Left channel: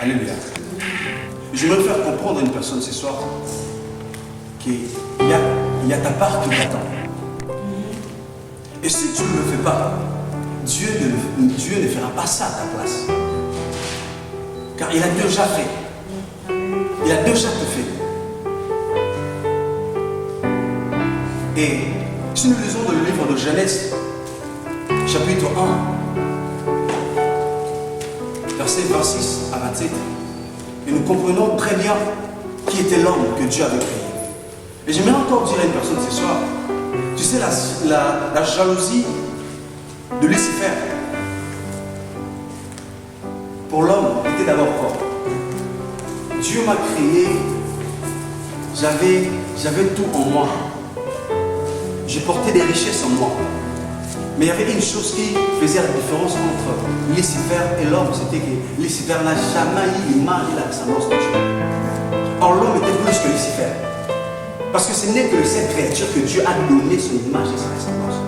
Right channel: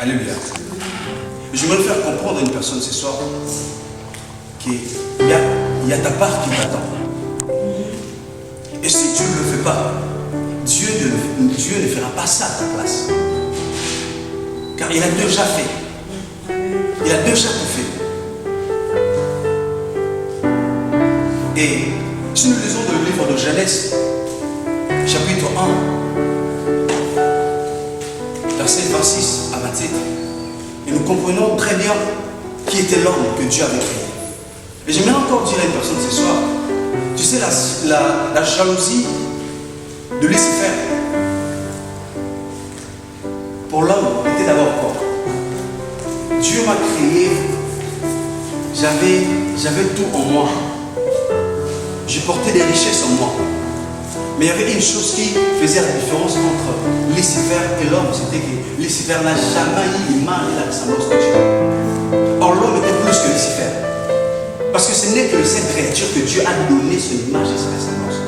Alléluia. J'aimerais faire comprendre à une personne ce soir qu'il y a ta part qui t'attend. Et si tu ne le fais pas, Dieu ne fera pas ça à ta place. Car il a déjà fait. Il a déjà tout fait. Et si nous lisons dans le livre de Genèse, chapitre 1, versets 26 à 27, et nous comprenons très bien qui était l'homme que Dieu avait créé. Et j'aimerais encore dire à une personne ce soir, tu sais, la jalousie de Lucifer pour l'homme était d'abord quoi? Dieu m'a créé, j'avais tout en moi. Je portais des richesses en moi. Mais il y avait une chose qui faisait la différence entre Lucifer et l'homme, c'était que Lucifer n'a jamais eu l'image et la ressemblance de Dieu. Or l'homme était plus que Lucifer. Parce que ce n'est que cette créature que Dieu a donné son image et sa ressemblance.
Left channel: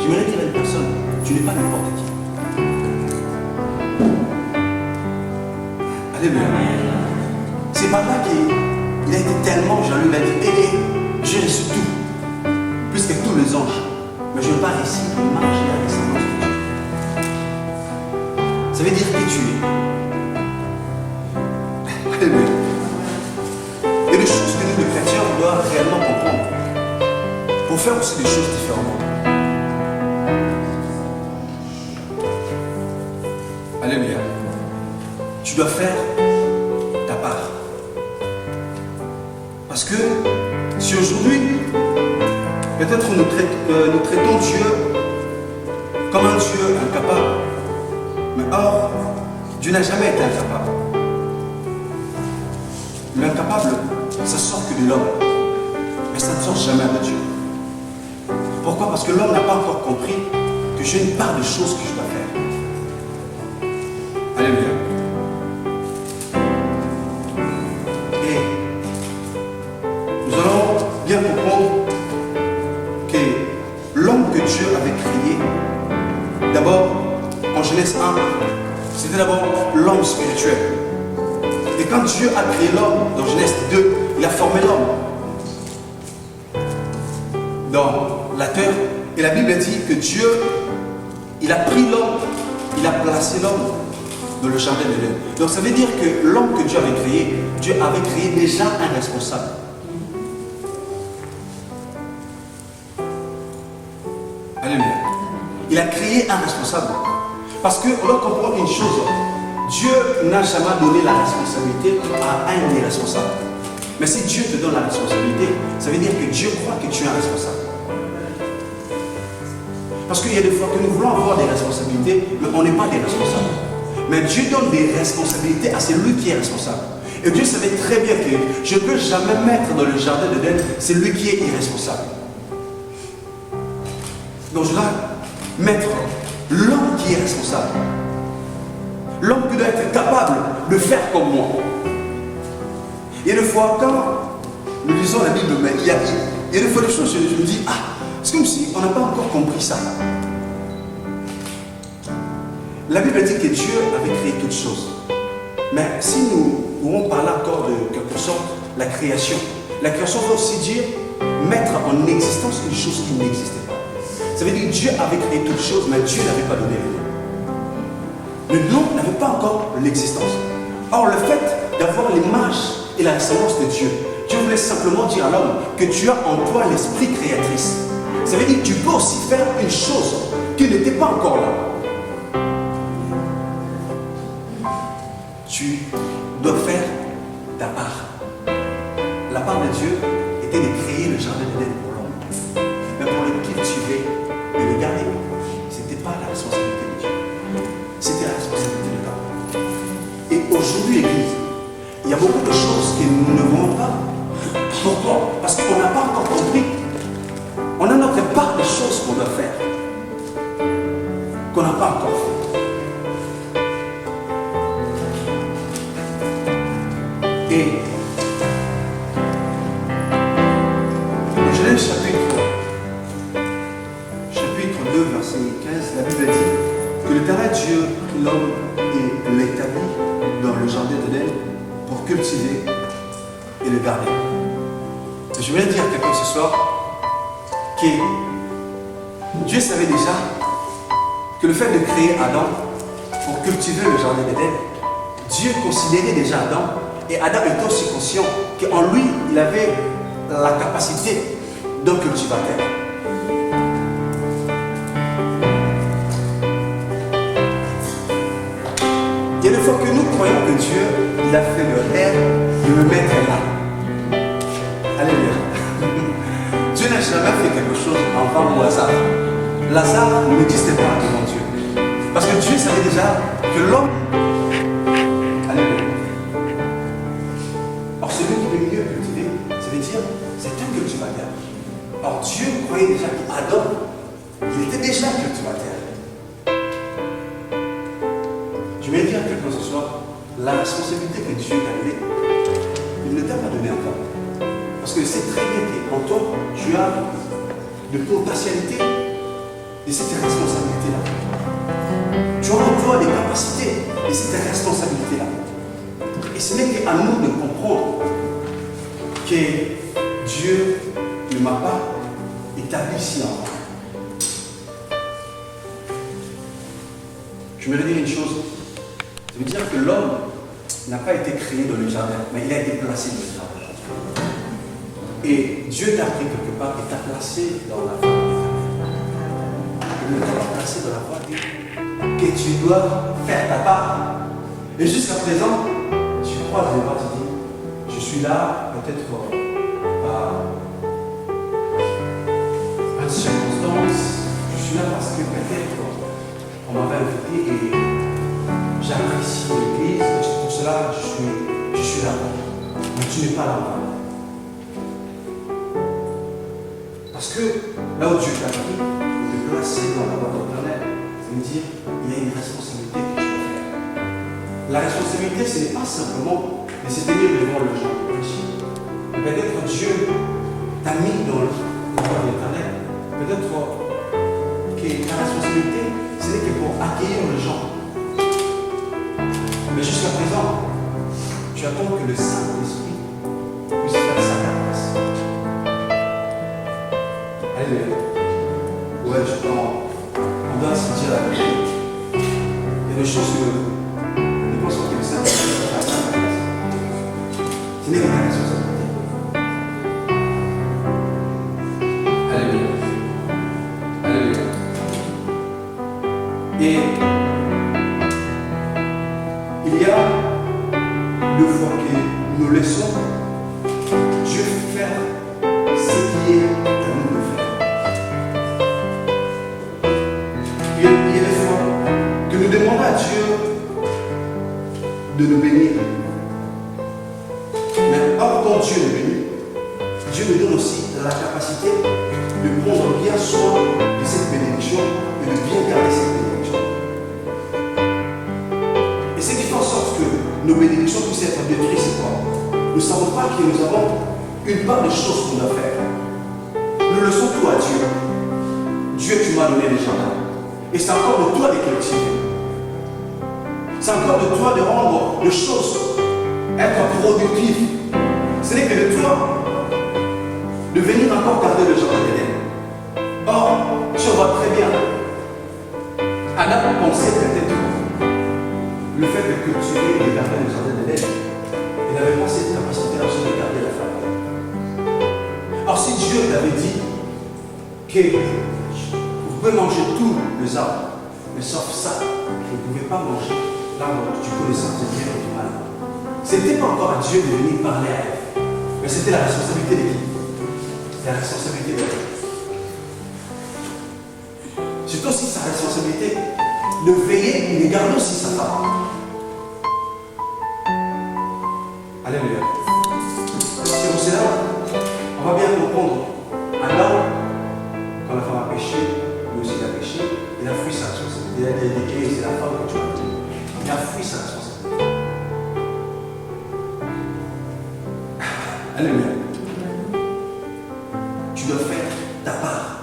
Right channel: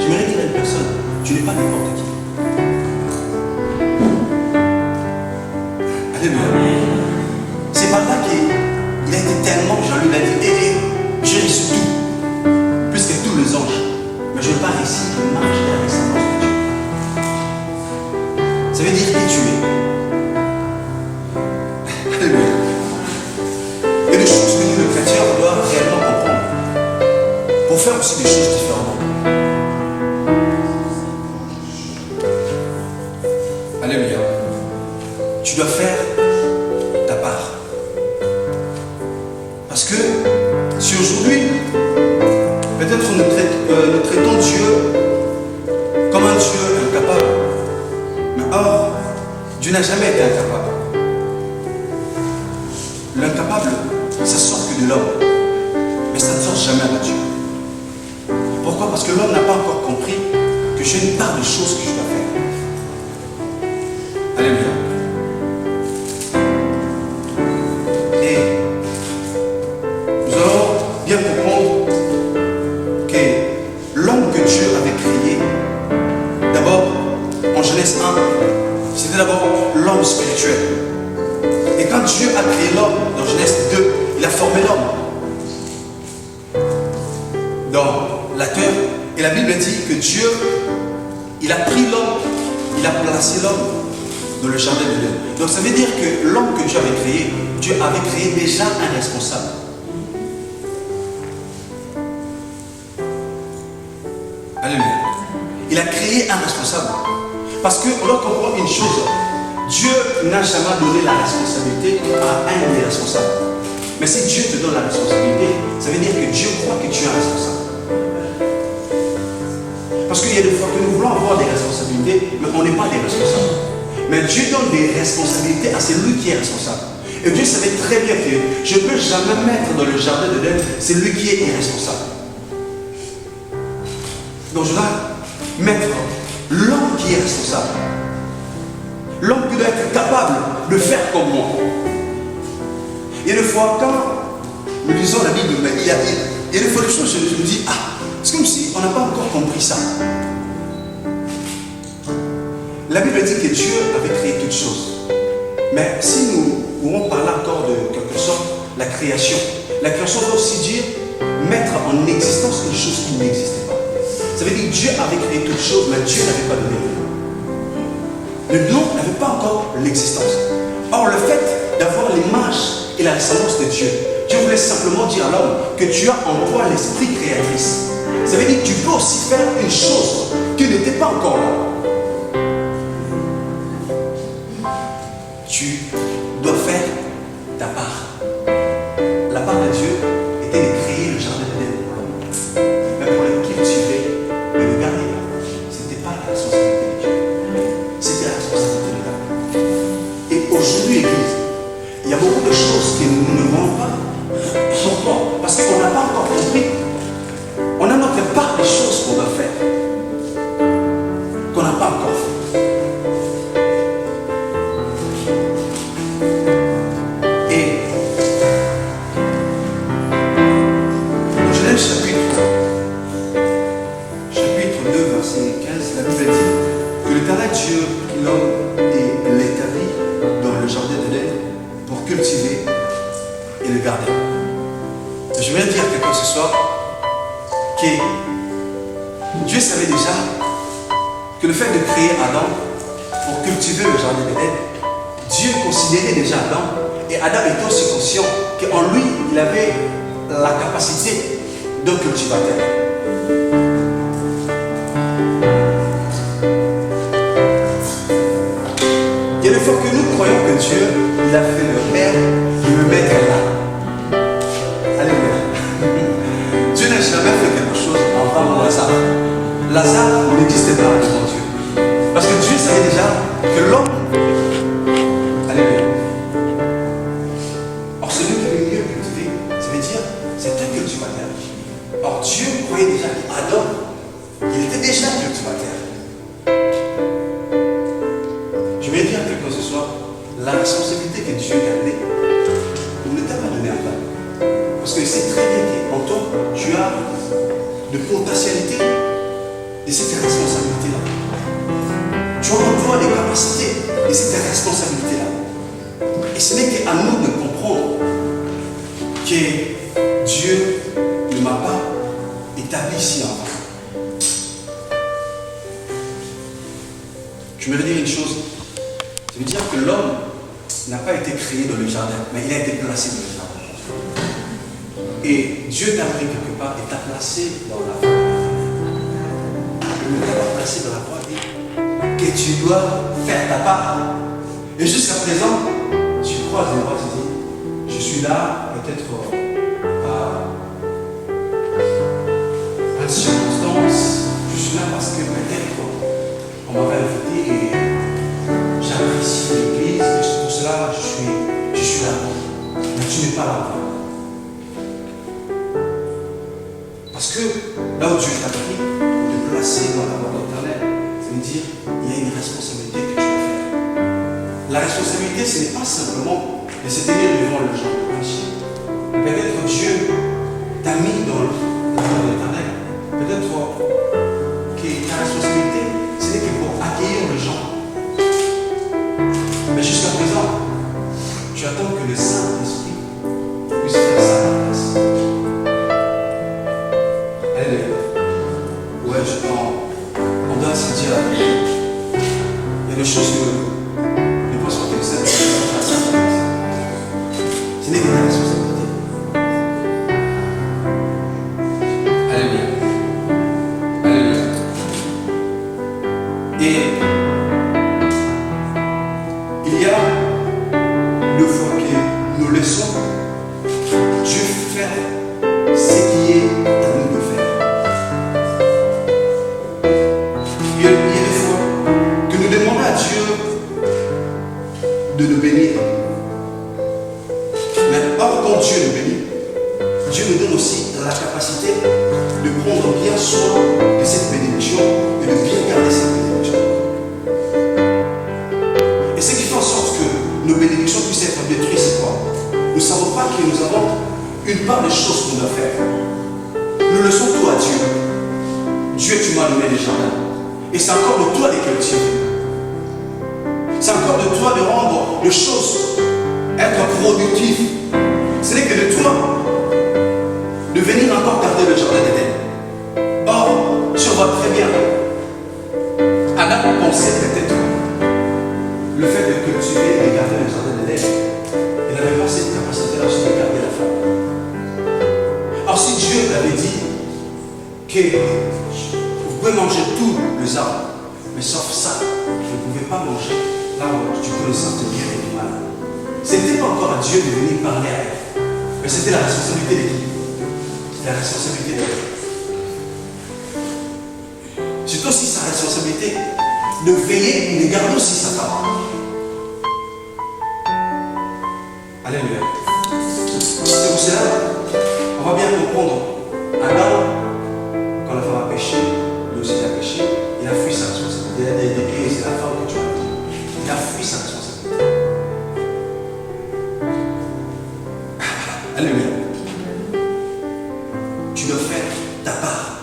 J'aimerais dire à une personne, tu n'es pas n'importe qui. Alléluia. C'est par là qu'il a été tellement jaloux, il a dit, j'ai reçu tout, plus que tous les anges. Mais je n'ai pas réussi de marcher à la ressemblance de Dieu. Ça veut dire qui tu es. Alléluia. Il y a des choses que nous, les chrétiens, on doit réellement comprendre pour faire aussi des choses différemment. Alléluia. Tu dois faire ta part. Parce que si aujourd'hui, peut-être nous traitons Dieu comme un Dieu incapable. Mais or, Dieu n'a jamais été incapable. L'incapable, ça sort que de l'homme. Mais ça ne sort jamais de Dieu. Pourquoi? Parce que l'homme n'a pas encore compris que j'ai une part de choses que je dois faire. Alléluia. Et nous allons bien comprendre que l'homme que Dieu avait créé, d'abord, en Genèse 1, c'était d'abord l'homme spirituel. Et quand Dieu a créé l'homme, dans Genèse 2, il a formé l'homme dans la terre. Et la Bible dit que Dieu, il a pris l'homme, il a placé l'homme dans le jardin de Dieu. Donc ça veut dire que l'homme que Dieu avait créé déjà un responsable. Alléluia. Il a créé un responsable. Parce qu'on doit comprendre une chose. Dieu n'a jamais donné la responsabilité à un irresponsable. Mais si Dieu te donne la responsabilité, ça veut dire que Dieu croit que tu es un responsable. Parce qu'il y a des fois que nous voulons avoir des responsabilités, mais on n'est pas des responsables. Mais Dieu donne des responsabilités à celui qui est responsable. Et Dieu savait très bien que je ne peux jamais mettre dans le jardin de d'Éden celui qui est irresponsable. Donc je dois mettre l'homme qui est responsable. L'homme qui doit être capable de faire comme moi. Et des fois, quand nous lisons la Bible, il y a des fois des choses, je me dis, c'est comme si on n'a pas encore compris ça. La Bible dit que Dieu avait créé toutes choses. Mais si nous pouvons parler encore de quelque sorte la création veut aussi dire mettre en existence une chose qui n'existait pas. Ça veut dire que Dieu avait créé toutes choses, mais Dieu n'avait pas donné le nom. Le nom n'avait pas encore l'existence. Or, le fait d'avoir l'image et la ressemblance de Dieu, Dieu voulait simplement dire à l'homme que tu as en toi l'esprit créatrice. Ça veut dire que tu peux aussi faire une chose qui n'était pas encore là. Tu dois faire ta part. La part de Dieu était de créer le jardin d'Éden pour l'homme. Mais pour le cultiver et le garder, ce n'était pas la responsabilité de Dieu. C'était la responsabilité de l'homme. Et aujourd'hui, l'Église, il y a beaucoup de choses que nous ne voyons pas. Pourquoi? Parce qu'on n'a pas encore compris. On a notre part des choses qu'on doit faire, qu'on n'a pas encore fait. Et dans Genèse chapitre 2, verset 15, la Bible dit que l'Éternel Dieu, l'homme, et l'établit dans le jardin d'Éden pour cultiver et le garder. Je voudrais dire à quelqu'un ce soir que Dieu savait déjà que le fait de créer Adam pour cultiver le jardin d'Éden, Dieu considérait déjà Adam, et Adam était aussi conscient qu'en lui, il avait la capacité d'un cultivateur. Il y a des fois que nous croyons que Dieu, il a fait le père de me mettre là. Alléluia. Dieu n'a jamais fait quelque chose en vain ou hasard. Lazare n'existait pas devant Dieu. Parce que Dieu savait déjà que l'homme. Alléluia. Or, celui qui veut mieux cultiver, ça veut dire, c'est un cultivateur. Or, Dieu croyait déjà qu'Adam, il était déjà un cultivateur. Je vais dire à quelqu'un ce soir, la responsabilité que Dieu t'a donnée, il ne t'a pas donné encore. Parce qu'il sait très bien qu'en toi, tu as de potentialité de cette responsabilité-là. Tu as en toi des capacités de cette responsabilité-là. Et ce n'est qu'à nous de comprendre que Dieu ne m'a pas établi ici en bas. Je me vais dire une chose. Ça veut dire que l'homme n'a pas été créé dans le jardin, mais il a été placé dans le jardin. Et Dieu t'a pris quelque part et t'a placé dans la voie éternelle. Il ne t'a pas placé dans la voie que tu dois faire ta part. Et jusqu'à présent, tu croises les bras, tu dis, je suis là, peut-être par une circonstance, je suis là parce que peut-être on m'avait invité et j'apprécie l'église, et pour cela je suis là. Mais tu n'es pas là. Parce que là où Dieu t'a pris, pour te placer dans la voie éternelle, ça veut dire il y a une responsabilité que tu dois faire. La responsabilité, ce n'est pas simplement de se tenir devant le genre de péché. Peut-être Dieu t'a mis dans la voie éternelle. Peut-être que ta responsabilité, ce n'est que pour accueillir le genre. Mais jusqu'à présent, tu attends que le Saint-Esprit puisse faire ça à ta place. Alléluia. Ouais, on doit se dire la vérité. Il y a des choses que je pense pas que le Saint-Esprit va faire ça à ta place. Ce n'est que ta responsabilité. Alléluia. Alléluia. Et il y a deux fois que nous laissons Dieu faire ce qui est à nous de faire. Il y a des fois que nous demandons à Dieu de nous bénir. Mais or, quand Dieu nous bénit, Dieu nous donne aussi la capacité de prendre bien soin de cette bénédiction et de bien garder cette bénédiction. Et ce qui fait en sorte que nos bénédictions puissent être détruites, c'est quoi? Nous ne savons pas que nous avons une part des choses qu'on doit faire. Nous laissons tout à Dieu. Dieu, tu m'as donné les jardins. Et c'est encore de toi de cultiver. C'est encore de toi de rendre les choses, être productif. Ce n'est que de toi de venir encore garder le jardin d'Éden. Or, tu vois très bien, Adam pensait peut-être le fait de cultiver et de garder le jardin d'Éden. Il n'avait pas cette capacité-là aussi de garder la femme. Alors si Dieu t'avait dit que vous pouvez manger tous les arbres, mais sauf ça, vous ne pouvez pas manger l'arbre du connaissance du bien et du mal. Ce n'était pas encore à Dieu de venir parler à elle, mais c'était la responsabilité de qui? C'était la responsabilité d'elle. C'est aussi sa responsabilité de veiller et de garder aussi sa femme. Alléluia. C'est pour cela, on va bien comprendre. Adam, quand la femme a péché, lui aussi il a péché, il a fui sa responsabilité. Et c'est la femme que tu as dit. Il a fui sa responsabilité. Alléluia. Tu dois faire ta part.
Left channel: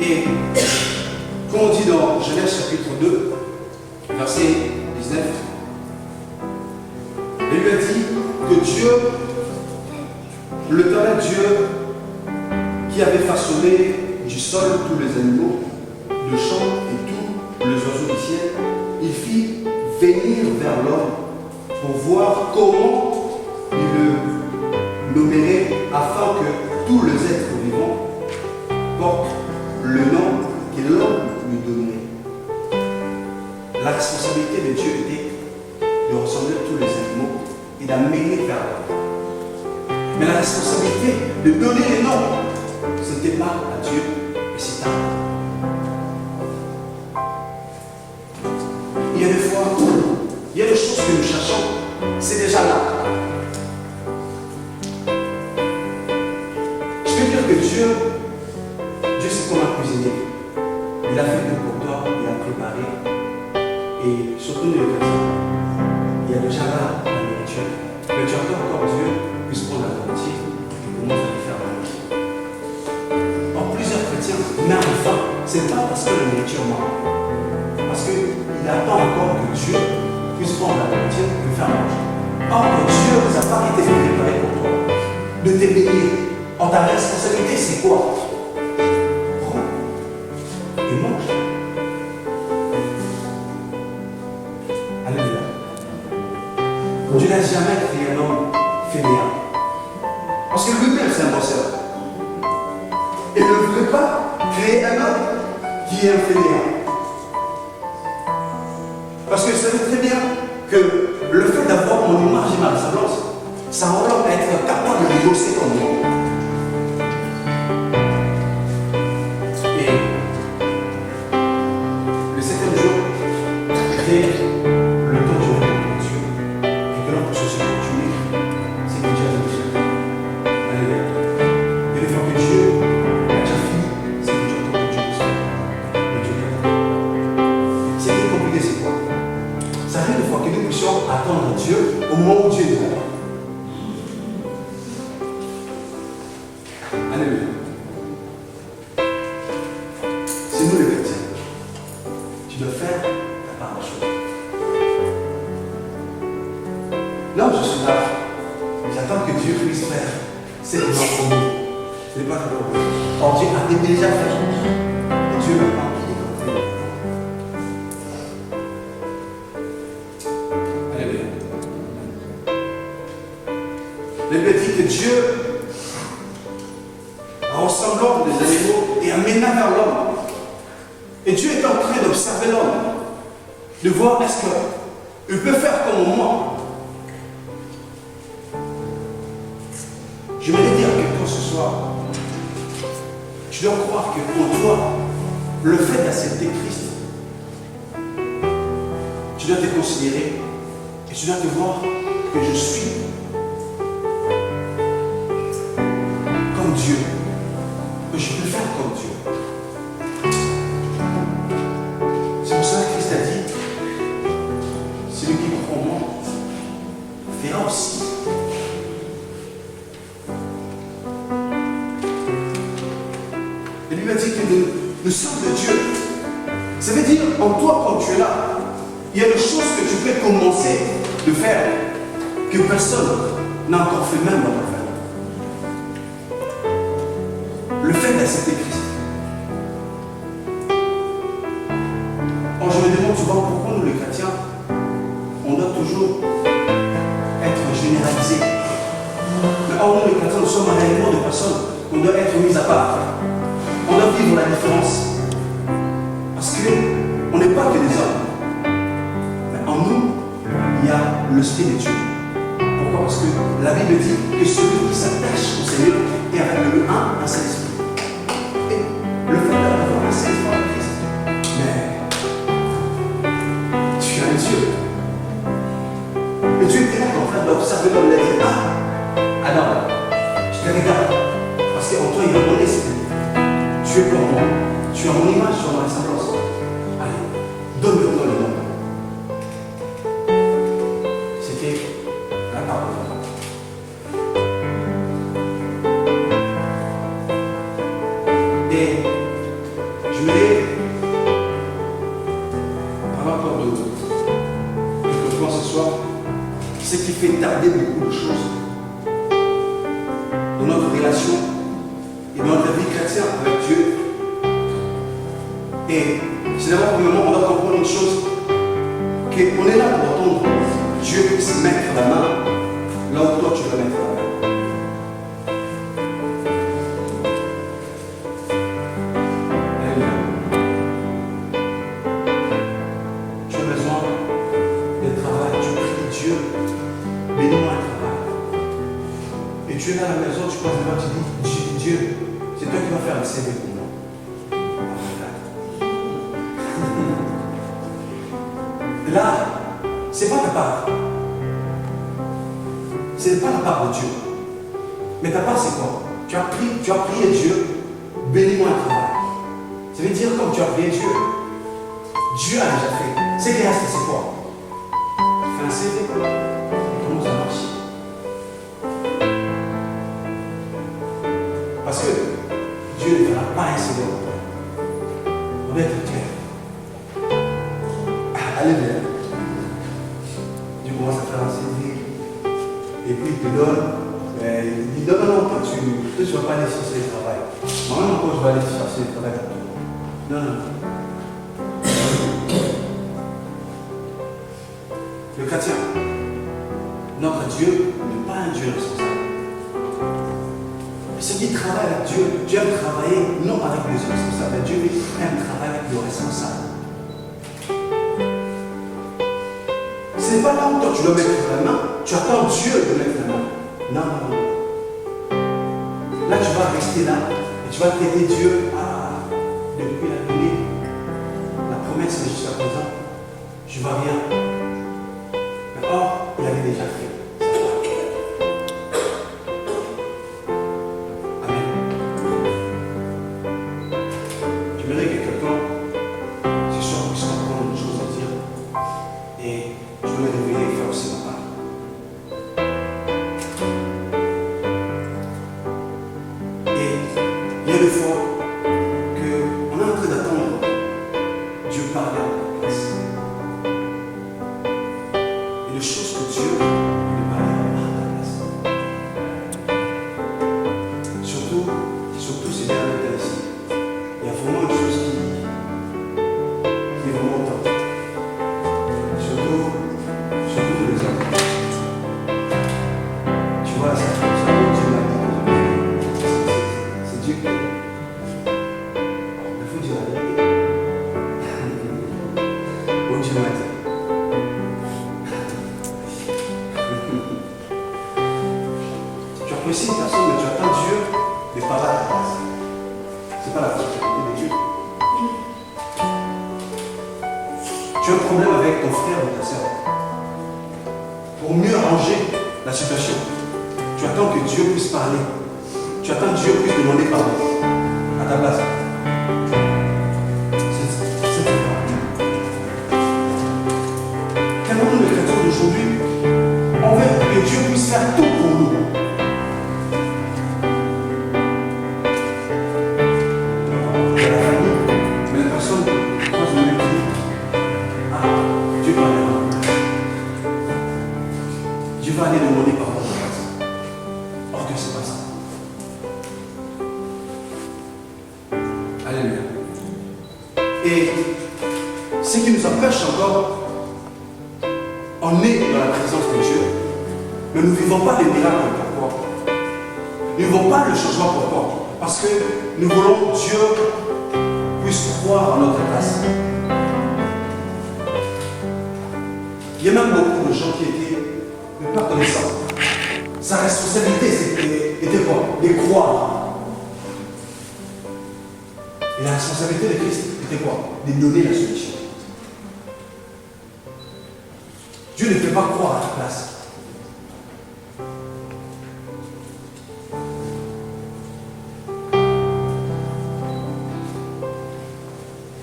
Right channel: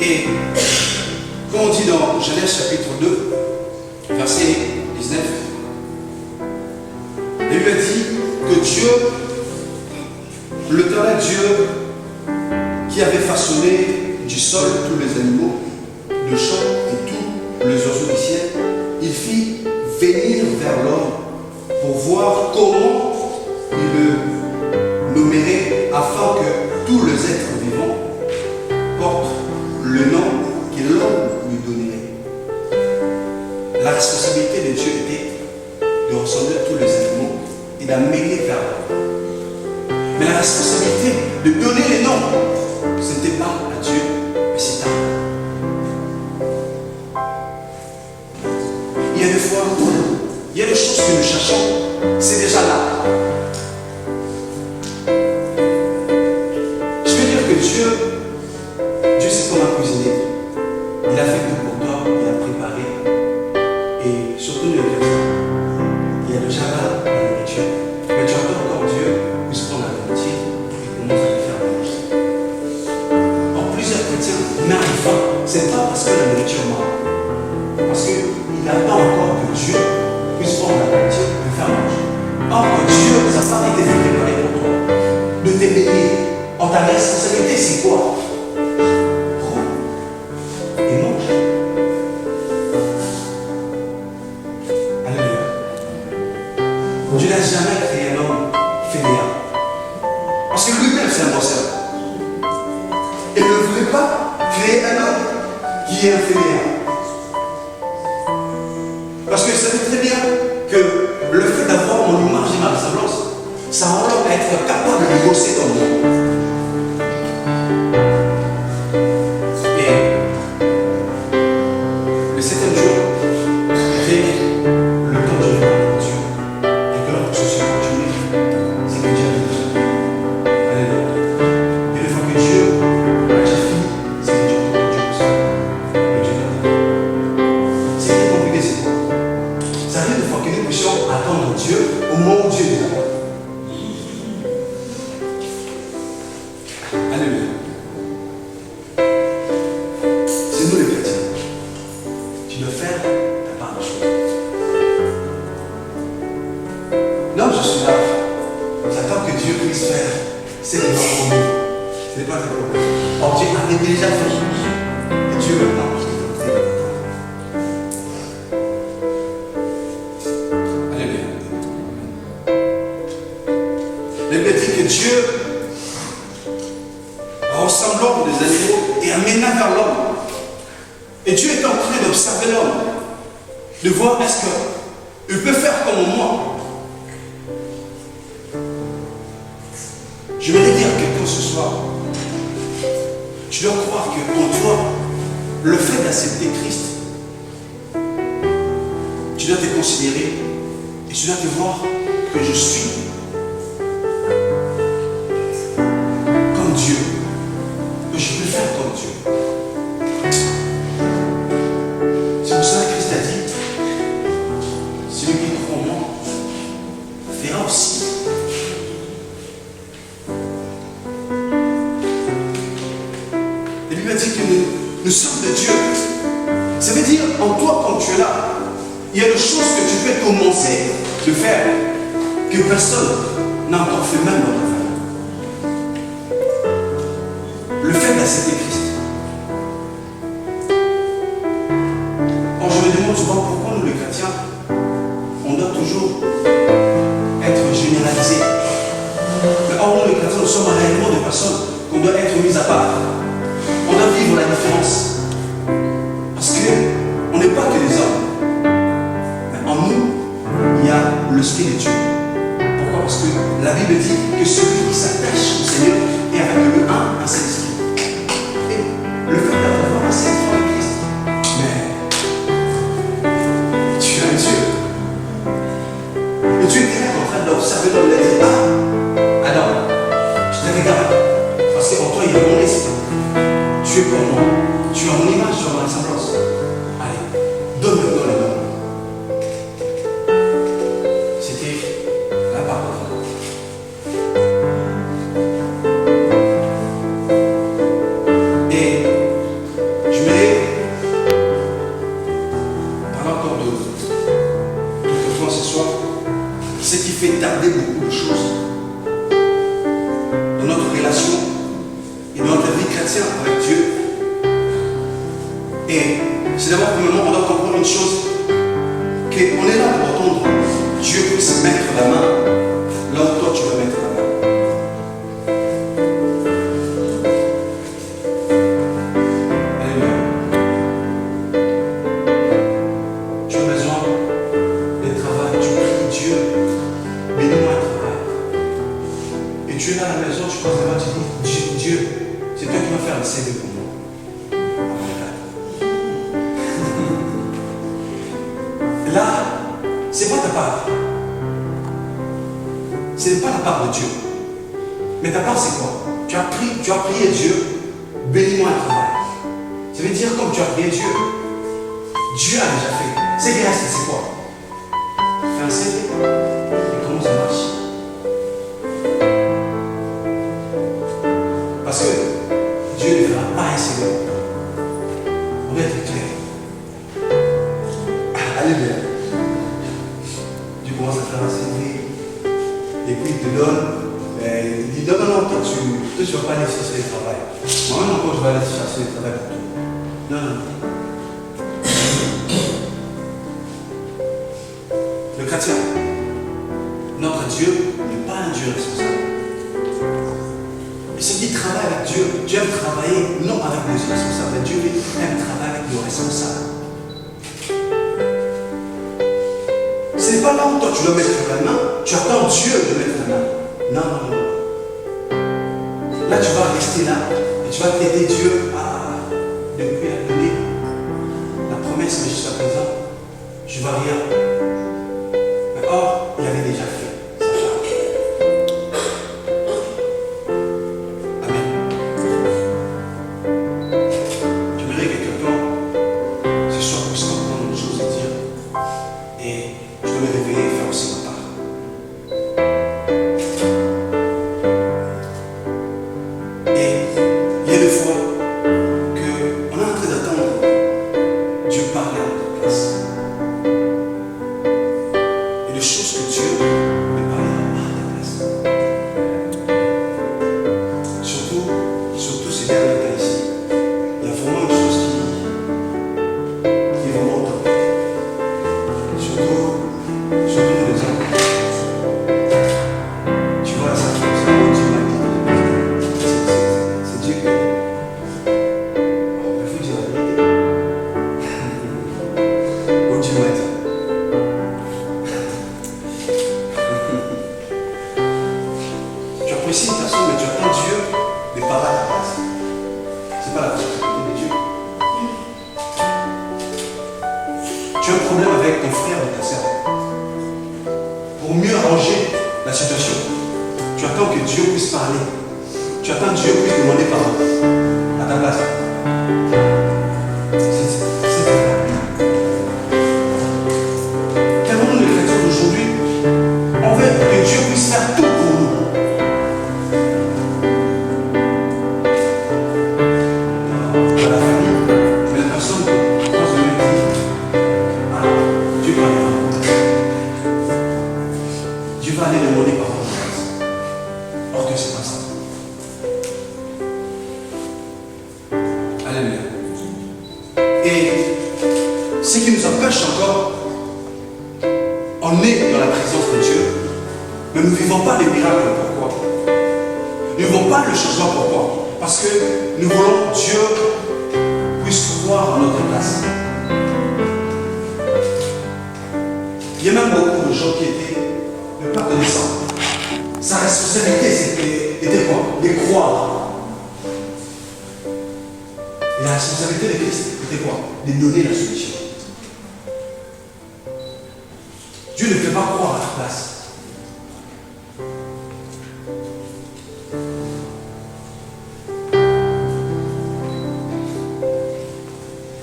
Et Comme on dit dans Genèse chapitre 2, verset 19, il lui a dit que Dieu, l'Éternel Dieu, qui avait façonné du sol tous les animaux de champ et tous les oiseaux du ciel, il fit venir vers l'homme pour voir comment il le nommerait afin que tous les êtres vivants portent le nom que l'homme lui donnerait. La responsabilité de Dieu était de ressembler à tous les animaux et d'amener vers l'homme. Mais la responsabilité de donner les noms, ce n'était pas à Dieu, mais c'est à nous. Il y a des fois, il y a des choses que nous cherchons, c'est déjà là. Je veux dire que Dieu c'est comme un cuisinier. Il a fait tout pour toi, il a préparé. Et surtout les chrétiens, il y a déjà là la nourriture. Mais tu attends encore Dieu puisse prendre la nourriture et commence à te faire manger. Or, plusieurs chrétiens meurent de faim. Ce n'est pas parce que la nourriture manque. Parce qu'il attend encore que Dieu puisse prendre la nourriture et le faire manger. Or, Dieu n'a pas été préparé pour toi de t'éveiller. Or, ta responsabilité, c'est quoi? Prends et mange. Alléluia. Dieu n'a jamais créé un homme fainéant. Parce que lui-même, c'est un bosseur. Il ne voulait pas créer un homme qui est un fainéant. Parce que vous savez très bien que le fait d'avoir mon image et ma ressemblance, ça rend l'homme à être capable de bosser comme moi. Et le 7e jour était le temps du repos pour Dieu. Et que l'homme puisse aussi continuer. C'est que Dieu avait besoin. Alléluia. Et une fois que Dieu a déjà fini, c'est que Dieu attend que Dieu puisse faire. Et Dieu t'attend. C'est qui est compliqué, c'est quoi? Ça arrive des fois que nous puissions attendre Dieu au moment où Dieu nous attend. Alléluia. C'est nous les chrétiens. Tu dois faire ta part de choses. Non, je suis là. J'attends que Dieu puisse faire ce qu'il m'a promis. Ce n'est pas ta problème. Or, Dieu avait déjà fait. Et Dieu maintenant, il est en train de t'attendre. Alléluia. La Bible dit que Dieu ressemblant des animaux et amena vers l'homme. Et Dieu est en train d'observer l'homme, de voir est-ce qu'il peut faire comme moi. Je voudrais dire à quelqu'un ce soir, tu dois croire qu'en toi, le fait d'accepter Christ, tu dois te considérer et tu dois te voir que je suis comme Dieu. Que je peux faire comme Dieu. C'est pour ça que Christ a dit, celui qui croit en moi fera aussi. Et lui m'a dit que nous sommes de Dieu. Ça veut dire, en toi, quand tu es là, il y a des choses que tu peux commencer de faire que personne n'a encore fait, même dans ta famille. Le fait d'accepter Christ. Or, je me demande souvent pourquoi nous, les chrétiens, on doit toujours être généralisés. Mais or, nous, les chrétiens, nous sommes réellement des personnes qu'on doit être mises à part. On doit vivre la différence. Parce qu'on n'est pas que des hommes. Mais en nous, il y a l'Esprit de Dieu. Pourquoi? Parce que la Bible dit que celui qui s'attache au Seigneur est avec le un seul esprit. Et le fait d'avoir un seul foi en Christ, mais tu es un Dieu. Et Dieu était là en train d'observer l'homme. Il a dit, ah, Adam, je te regarde. Parce qu'en toi, il y a mon esprit. Tu es comme moi. Tu as mon image, tu as ma ressemblance. Allez, donne maintenant le nom. C'était la parole de Dieu. Et je voulais ce qui fait tarder beaucoup de choses dans notre relation et dans notre vie chrétienne avec Dieu. Et c'est d'abord, premièrement, on doit comprendre une chose, qu'on est là pour attendre Dieu puisse mettre la main là où toi tu veux mettre la main. Alléluia. Tu as besoin de travail, tu pries Dieu, bénis-moi un travail. Et tu es là à la maison, tu passes devant, tu dis, Dieu, c'est toi qui vas faire le CV pour moi. Là, ce n'est pas ta part. Ce n'est pas la part de Dieu. Mais ta part, c'est quoi? Tu as prié Dieu, bénis-moi un travail. Ça veut dire, comme tu as prié Dieu, Dieu a déjà fait. C'est qu'il reste, c'est quoi? Fais un CV et comment ça marche? Parce que Dieu ne fera pas un CV pour toi. On doit être clair. Alléluia. Dieu commence à faire un CV et puis il te donne. Il dit non, toi tu ne vas pas aller chercher le travail. Moi-même encore je vais aller chercher le travail pour toi. Non. Le chrétien, notre Dieu n'est pas un Dieu responsable. Et ceux qui travaillent avec Dieu, Dieu aime travailler non avec des responsables, Dieu aime travailler avec des responsables. Ce n'est pas là où toi tu dois mettre la main, tu attends Dieu de mettre la main. Non. Là tu vas rester là et tu vas t'aider Dieu à, depuis la donnée, la promesse, mais jusqu'à présent, je ne vois rien. Mais or, il avait déjà fait sa part. Amen. J'aimerais que quelqu'un ce soir puisse comprendre une chose à dire. Et je dois me réveiller et faire aussi ma part. Et il y a des fois qu'on est en train d'attendre Dieu parler à notre place. Et les choses que Dieu lui parlera à ta place. Surtout ces derniers temps ici. Il y a vraiment une chose qui est vraiment top. Surtout pour les hommes. Tu vois, ça Dieu m'a dit. C'est Dieu qui. Il faut dire la vérité. Oh, Dieu m'a dit. Tu apprécies une personne, mais tu attends Dieu de parler à ta place. Ce n'est pas la responsabilité de Dieu. Tu as un problème avec ton frère ou ta sœur. Pour mieux arranger la situation, tu attends que Dieu puisse parler. Tu attends que Dieu puisse demander pardon à ta place. C'est pas. Car nous, les chrétiens d'aujourd'hui, on veut que Dieu puisse faire tout pour nous. Dans la famille, mais la personne croise le même dit, ah, Dieu parle. Dieu va aller demander pardon à ta place. Or que c'est pas ça. Alléluia. Et ce qui nous empêche encore, on est dans la présence de Dieu, mais nous ne vivons pas les miracles. Pourquoi? Nous ne vivons pas le changement. Pourquoi? Parce que nous voulons que Dieu puisse croire à notre place. Il y a même beaucoup de gens qui étaient de peur de descendre. Sa responsabilité était quoi? De croire. Et la responsabilité de Christ était quoi? De donner la solution. Dieu ne fait pas croire à ta place.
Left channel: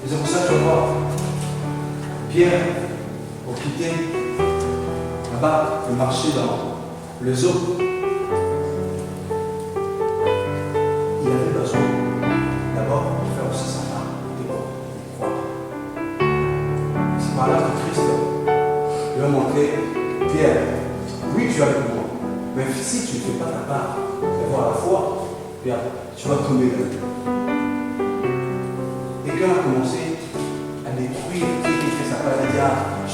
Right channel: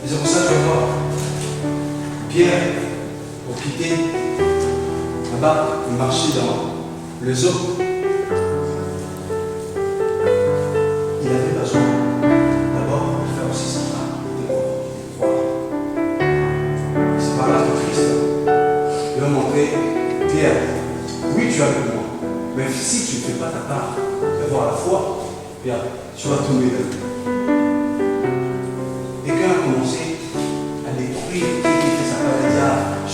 Et c'est pour ça que tu vas voir Pierre, pour quitter là-bas, il marchait dans les eaux. Il avait besoin d'abord de faire aussi sa part et de croire. C'est par là que Christ lui a montré, Pierre, oui, tu es avec moi. Mais si tu ne fais pas ta part d'avoir la foi, bien, tu vas tomber là. Et quand on a commencé à découvrir qui fait sa part, il a dit, ah, je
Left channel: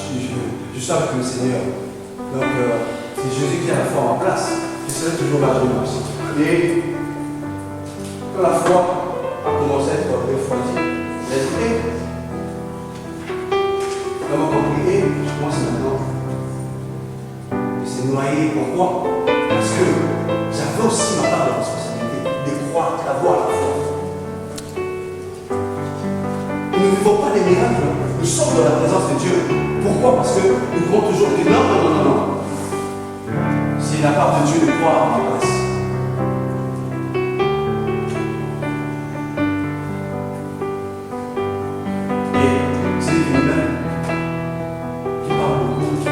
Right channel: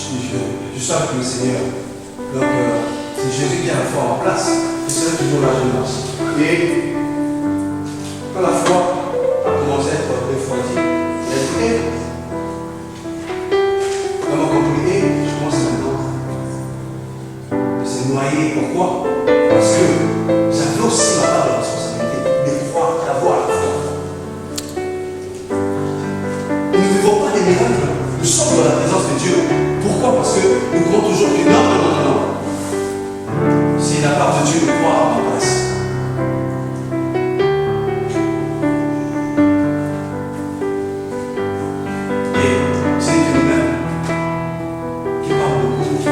suis avec le Seigneur. Donc, c'est Jésus qui a la foi en place. Et c'est là toujours la réponse. Et quand la foi a commencé à être refroidie, il a dit, hé, on m'a compris, hé, je commence maintenant. C'est noyé. Pourquoi? Parce que j'avais aussi ma part de responsabilité de croire, d'avoir la foi. Et nous ne vivons pas des miracles. Nous sommes dans la présence de Dieu. Pourquoi? Parce que nous croyons toujours que non. C'est la part de Dieu de croire à ma place. Et c'est nous-mêmes qui parle beaucoup que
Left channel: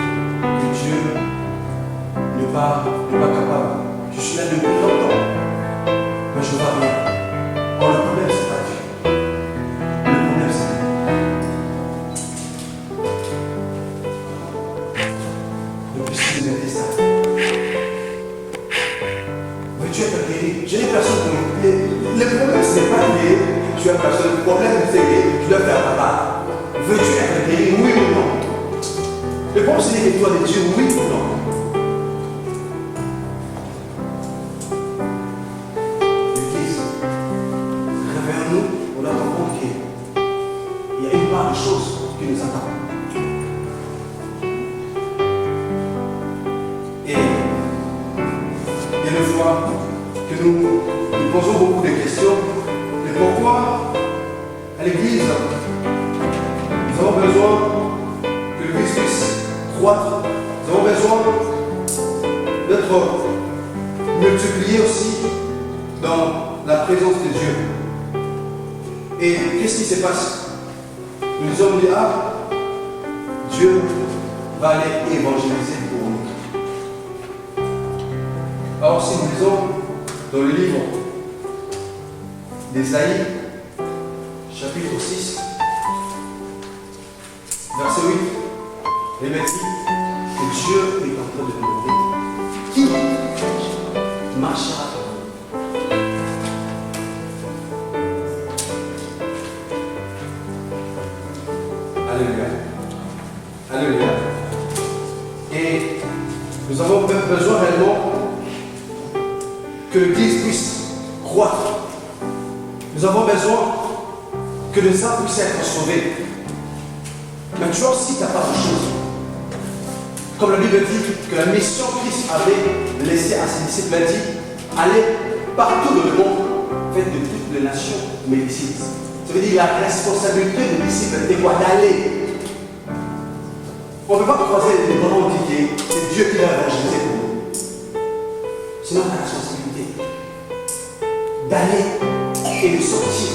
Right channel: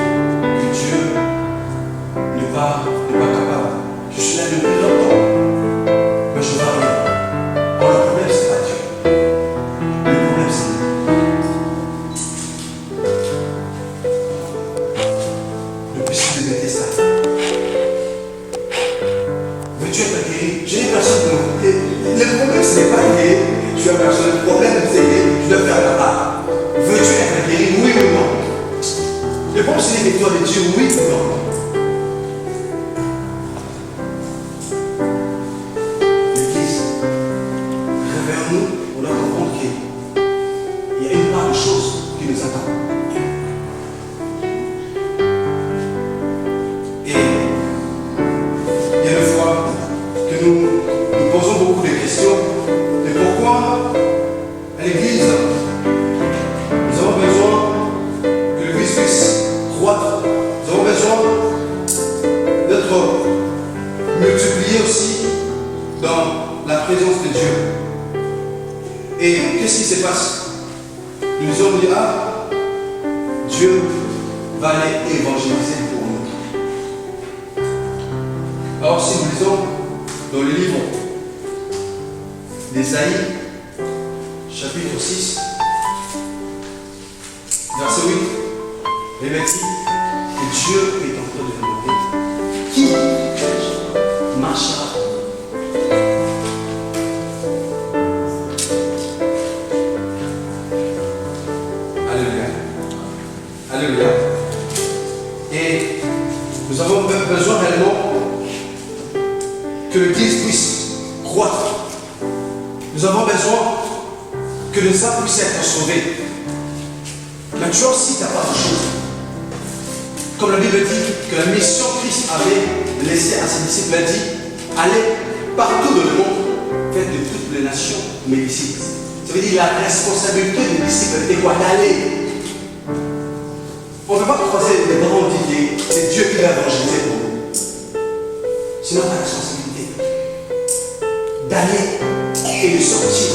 Dieu n'est pas capable. Je suis là depuis longtemps, mais je ne vois rien. Or, le problème, ce n'est pas Dieu. Le problème, c'est nous. Depuis ce que je ça. Veux-tu être guéri? Je n'ai personne pour nous. Le problème, ce n'est pas guéri. Tu as personne. Le problème, c'est que tu dois faire ta part. Veux-tu être guéri? Oui ou non? Le problème, c'est une victoire de Dieu, oui ou non? L'Église, réveillons-nous, on doit comprendre qu'il y a une part de choses qui nous attendent. Et il y a une fois que nous posons beaucoup de questions de pourquoi à l'Église, nous avons besoin que l'Église puisse croître. Nous avons besoin d'être multipliés aussi dans la présence de Dieu. Et qu'est-ce qui se passe? Nous nous sommes dit, ah, Dieu va aller évangéliser pour nous. Alors si nous lisons dans le livre d'Ésaïe, chapitre 6, verset 8, il est dit que Dieu est en train de nous demander qui marchera pour nous. Alléluia. Alléluia. Et nous avons besoin réellement que l'Église puisse croître. Nous avons besoin que les âmes puissent être sauvées. Mais tu as aussi ta part de choses. Comme la Bible dit que la mission que Christ avait laissée à ses disciples, elle dit, allez partout dans le monde, faites de toutes les nations mes disciples. Ça veut dire la responsabilité des disciples était quoi? D'aller. On ne peut pas croiser les bras, on dit c'est Dieu qui va évangéliser pour nous. C'est notre responsabilité d'aller et de sortir.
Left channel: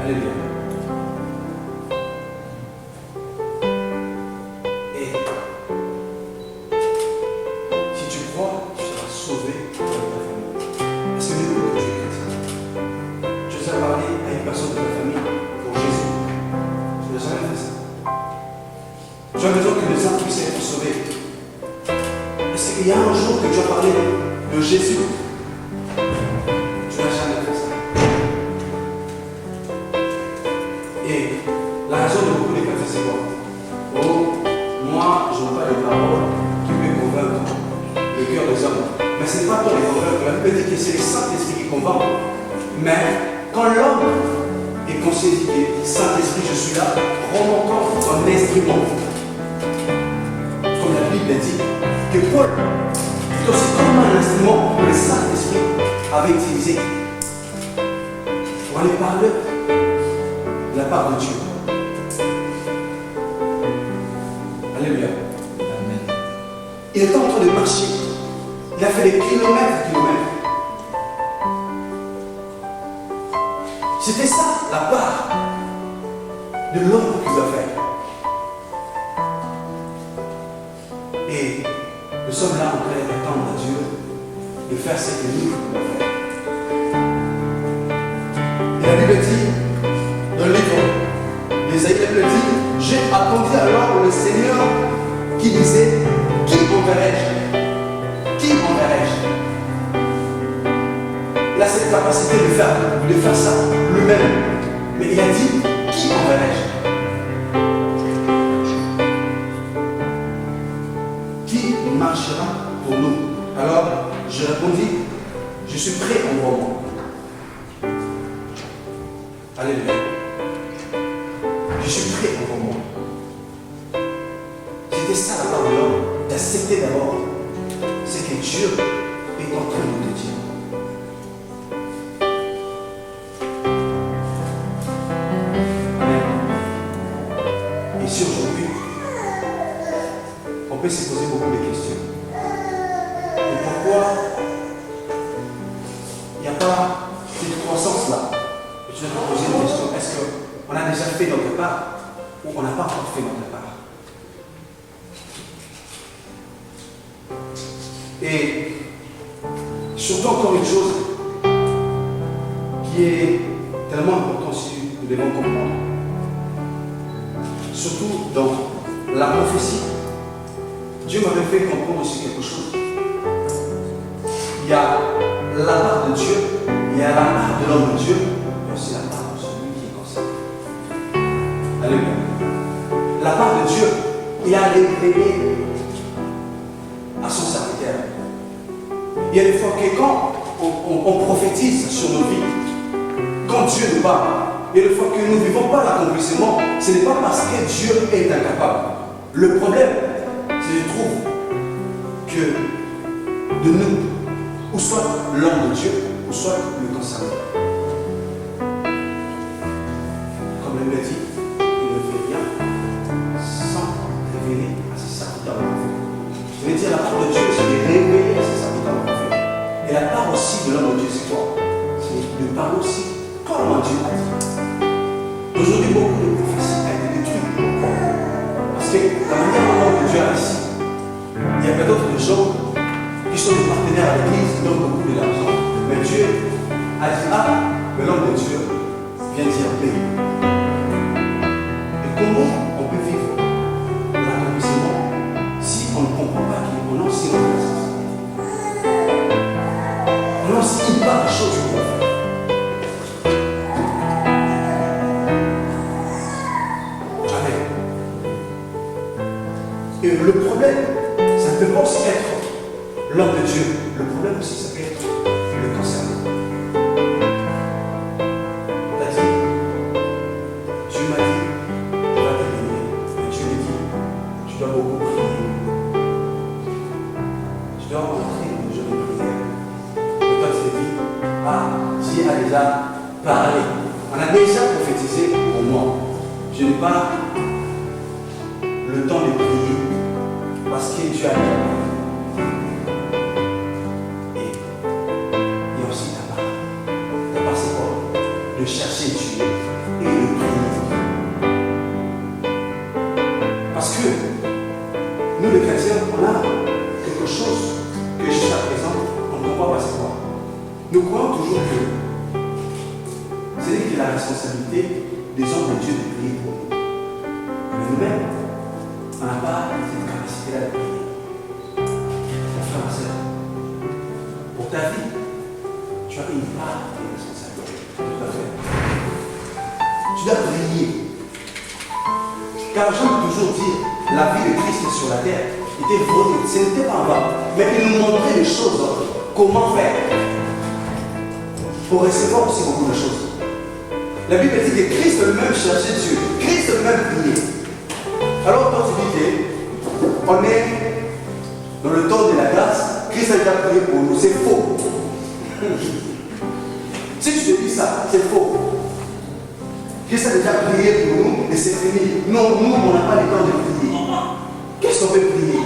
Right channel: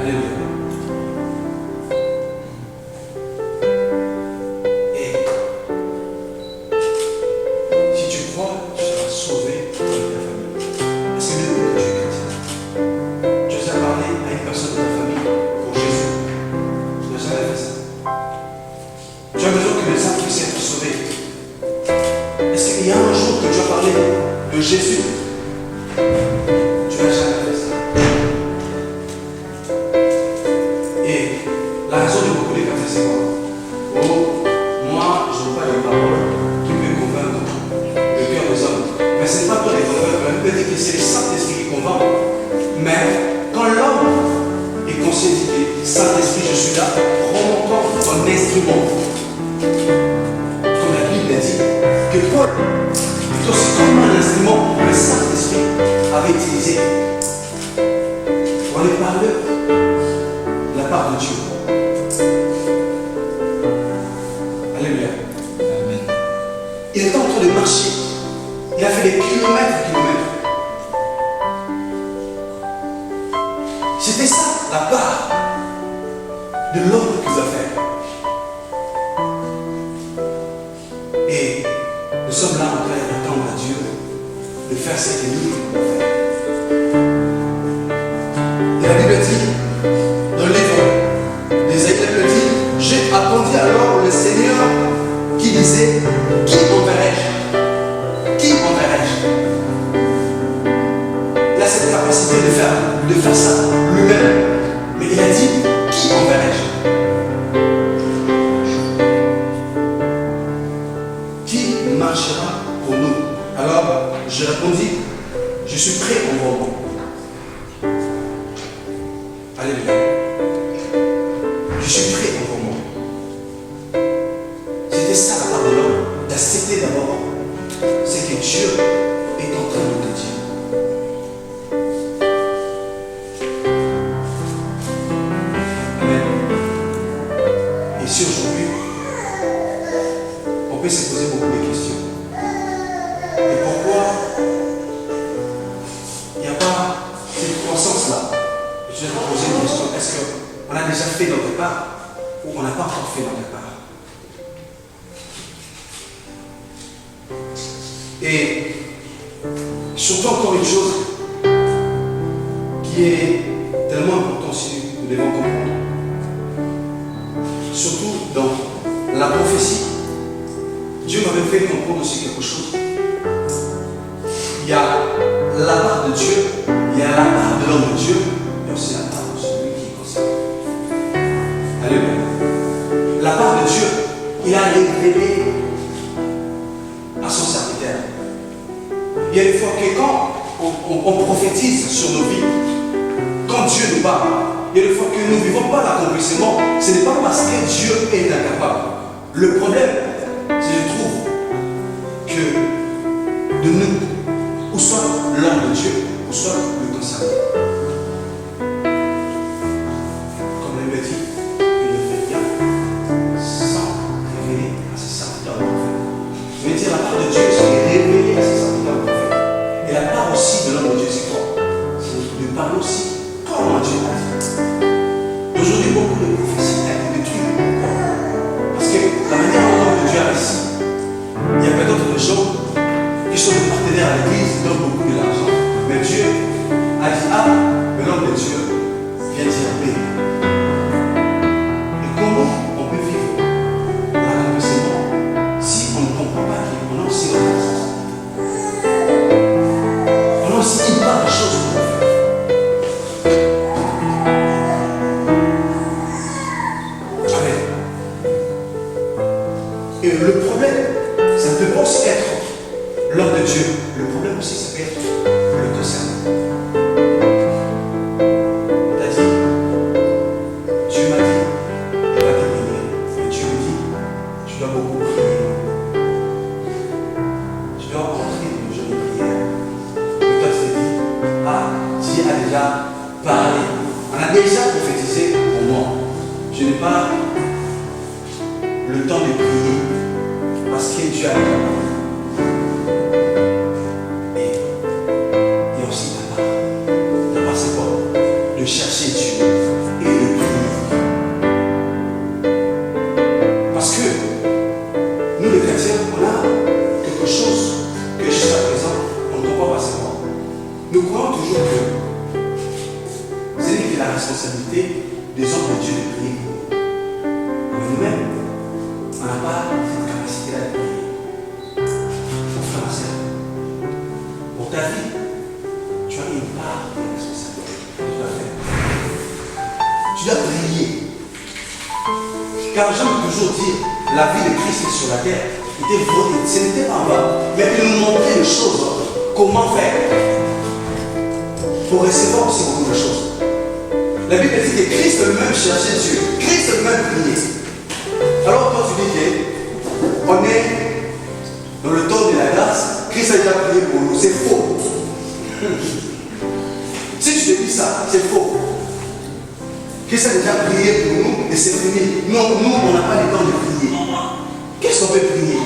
Alléluia. Et si tu crois, tu seras sauvé dans ta famille. Est-ce que depuis que tu es chrétien, tu as parlé à une personne de ta famille pour Jésus? Tu n'as jamais fait ça. Tu as besoin que les âmes puissent être sauvées. Est-ce qu'il y a un jour que tu as parlé de Jésus? Tu n'as jamais fait ça. Et la raison de beaucoup de chrétiens, c'est quoi? Oh, moi, je n'ai pas de paroles qui peuvent convaincre le cœur des hommes. Mais ce n'est pas toi de convaincre. La Bible dit que c'est le Saint-Esprit qui convainc. Mais quand l'homme est conscient que Saint-Esprit, je suis là, prends mon corps en instrument. Comme la Bible dit que Paul est aussi comme un instrument que le Saint-Esprit avait utilisé pour aller parler de la part de Dieu. Alléluia. Amen. Il était en train de marcher. Il a fait des kilomètres et kilomètres. C'était ça la part de l'homme qu'il a fait. Et nous sommes là en train d'attendre à Dieu de faire ce que nous devons faire. Et la Bible dit, dans le livre d'Ésaïe, elle dit, j'ai attendit alors le Seigneur qui disait, qui enverrai-je? Qui enverrai-je? Il a cette capacité de faire ça lui-même. Mais il a dit, qui enverrai-je? Qui marchera pour nous? Alors, je répondis, je suis prêt en moment. Alléluia. Je suis prêt en moment. C'était ça la part de l'homme, d'accepter d'abord ce que Dieu est en train de te dire. Amen. Et si aujourd'hui, on peut se poser beaucoup de questions. Et pourquoi il n'y a pas cette croissance-là? Je vais te poser une question. Est-ce qu'on a déjà fait notre part ou on n'a pas encore fait notre part? Et surtout encore une chose qui est tellement importante si nous devons comprendre. Surtout dans la prophétie, Dieu m'avait fait comprendre aussi quelque chose. Il y a la part de Dieu, il y a la part de l'homme de Dieu, mais aussi la part de celui qui est concerné. Alléluia. La part de Dieu, il a révélé à son serviteur. Il y a des fois que quand on prophétise sur nos vies, quand Dieu nous parle, il y a des fois que nous ne vivons pas l'accomplissement, ce n'est pas parce que Dieu est incapable. Le problème, je trouve que de nous, ou soit l'homme de Dieu, ou soit le concerné. Comme il me dit, il ne fait rien sans révéler à ses serviteurs le prophète. Je veux dire, la part de Dieu, c'est révéler à ses serviteurs le prophète. Et la part aussi de l'homme de Dieu, c'est quoi? C'est de parler aussi comment Dieu a dit. Aujourd'hui, beaucoup de prophéties ont été détruites. Pourquoi? Parce que la manière dont l'homme de Dieu a agi, il y a peut-être des gens qui sont des partenaires à l'église, qui donnent beaucoup de l'argent. Mais Dieu a dit, ah, mais l'homme de Dieu vient dire paix. Et comment on peut vivre l'accomplissement si on ne comprend pas qu'on a aussi notre responsabilité? On a aussi une part des choses qu'on doit faire. Amen. Et le problème, ça ne peut pas aussi être l'homme de Dieu. Le problème aussi, ça peut être le concerné. On t'a dit, Dieu m'a dit, il va te bénir. Mais Dieu me dit, tu dois beaucoup prier. Tu dois entrer dans une jolie prière. Mais toi, tu te dis, ah, Dieu a déjà parlé. On a déjà prophétisé pour moi. Je n'ai pas le temps de prier parce que Dieu a déjà parlé. Et aussi ta part. Ta part, c'est quoi? De chercher Dieu et de prier. Parce que nous, les chrétiens, on a quelque chose que jusqu'à présent, on ne comprend pas c'est quoi. Nous croyons toujours que c'est lui qui a la responsabilité des hommes de Dieu de prier pour nous. Mais nous-mêmes, on n'a pas cette capacité-là de prier. Mon frère, ma soeur, pour ta vie, tu as une part de responsabilité que tu dois faire. Tu dois prier. Car j'aime toujours dire, la vie de Christ sur la terre était volée. Ce n'était pas en vain. Mais il nous montrait les choses, comment faire pour recevoir aussi beaucoup de choses. La Bible dit que Christ lui-même cherchait Dieu. Christ lui-même priait. Alors toi tu dis qu'on est dans le temps de la grâce, Christ a déjà prié pour nous. C'est faux. Si tu te dis ça, c'est faux. Christ a déjà prié pour nous et c'est fini. Non, nous, on n'a pas le temps de prier. Qu'est-ce qu'on peut prier?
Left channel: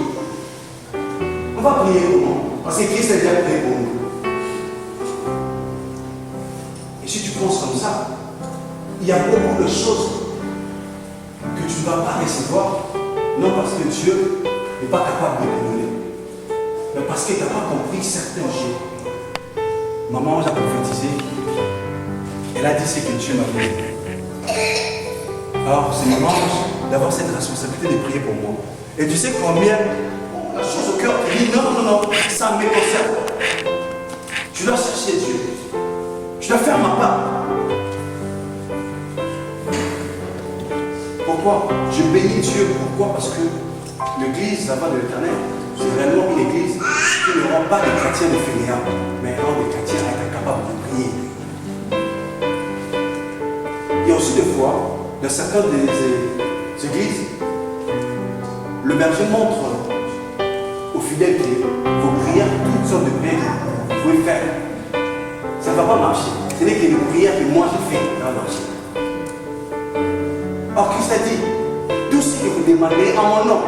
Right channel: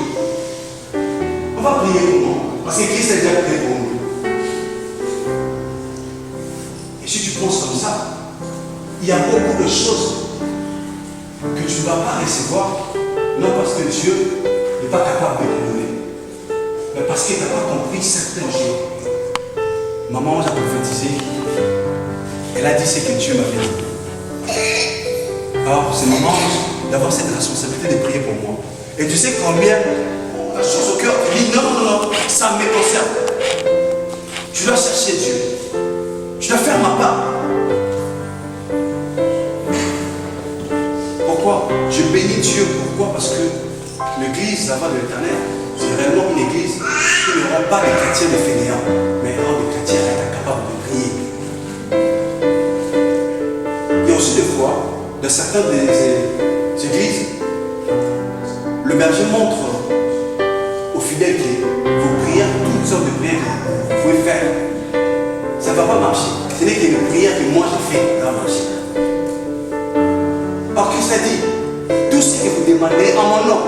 On va prier comment? Parce que Christ a déjà prié pour nous. Et si tu penses comme ça, il y a beaucoup de choses que tu ne vas pas recevoir, non parce que Dieu n'est pas capable de les donner, mais parce que tu n'as pas compris certaines choses. Maman a prophétisé, elle a dit ce que Dieu m'avait dit. Alors, c'est maman, d'avoir cette responsabilité de prier pour moi. Et tu sais combien la chose au cœur, tu dis non, non, non, non, ça me concerne. Je dois chercher Dieu. Je dois faire ma part. Pourquoi? Je bénis Dieu. Pourquoi? Parce que l'église, là-bas de l'Éternel, c'est réellement une église qui ne rend pas des chrétiens de fainéants, mais rend des chrétiens à être capables de prier. Il y a aussi des fois, dans certaines des églises, le berger montre aux fidèles que vos prières, toutes sortes de prières que vous pouvez faire, ça ne va pas marcher. Ce n'est que les prières que moi j'ai faites qui vont marcher. Or, Christ a dit, tout ce que vous demandez en mon nom,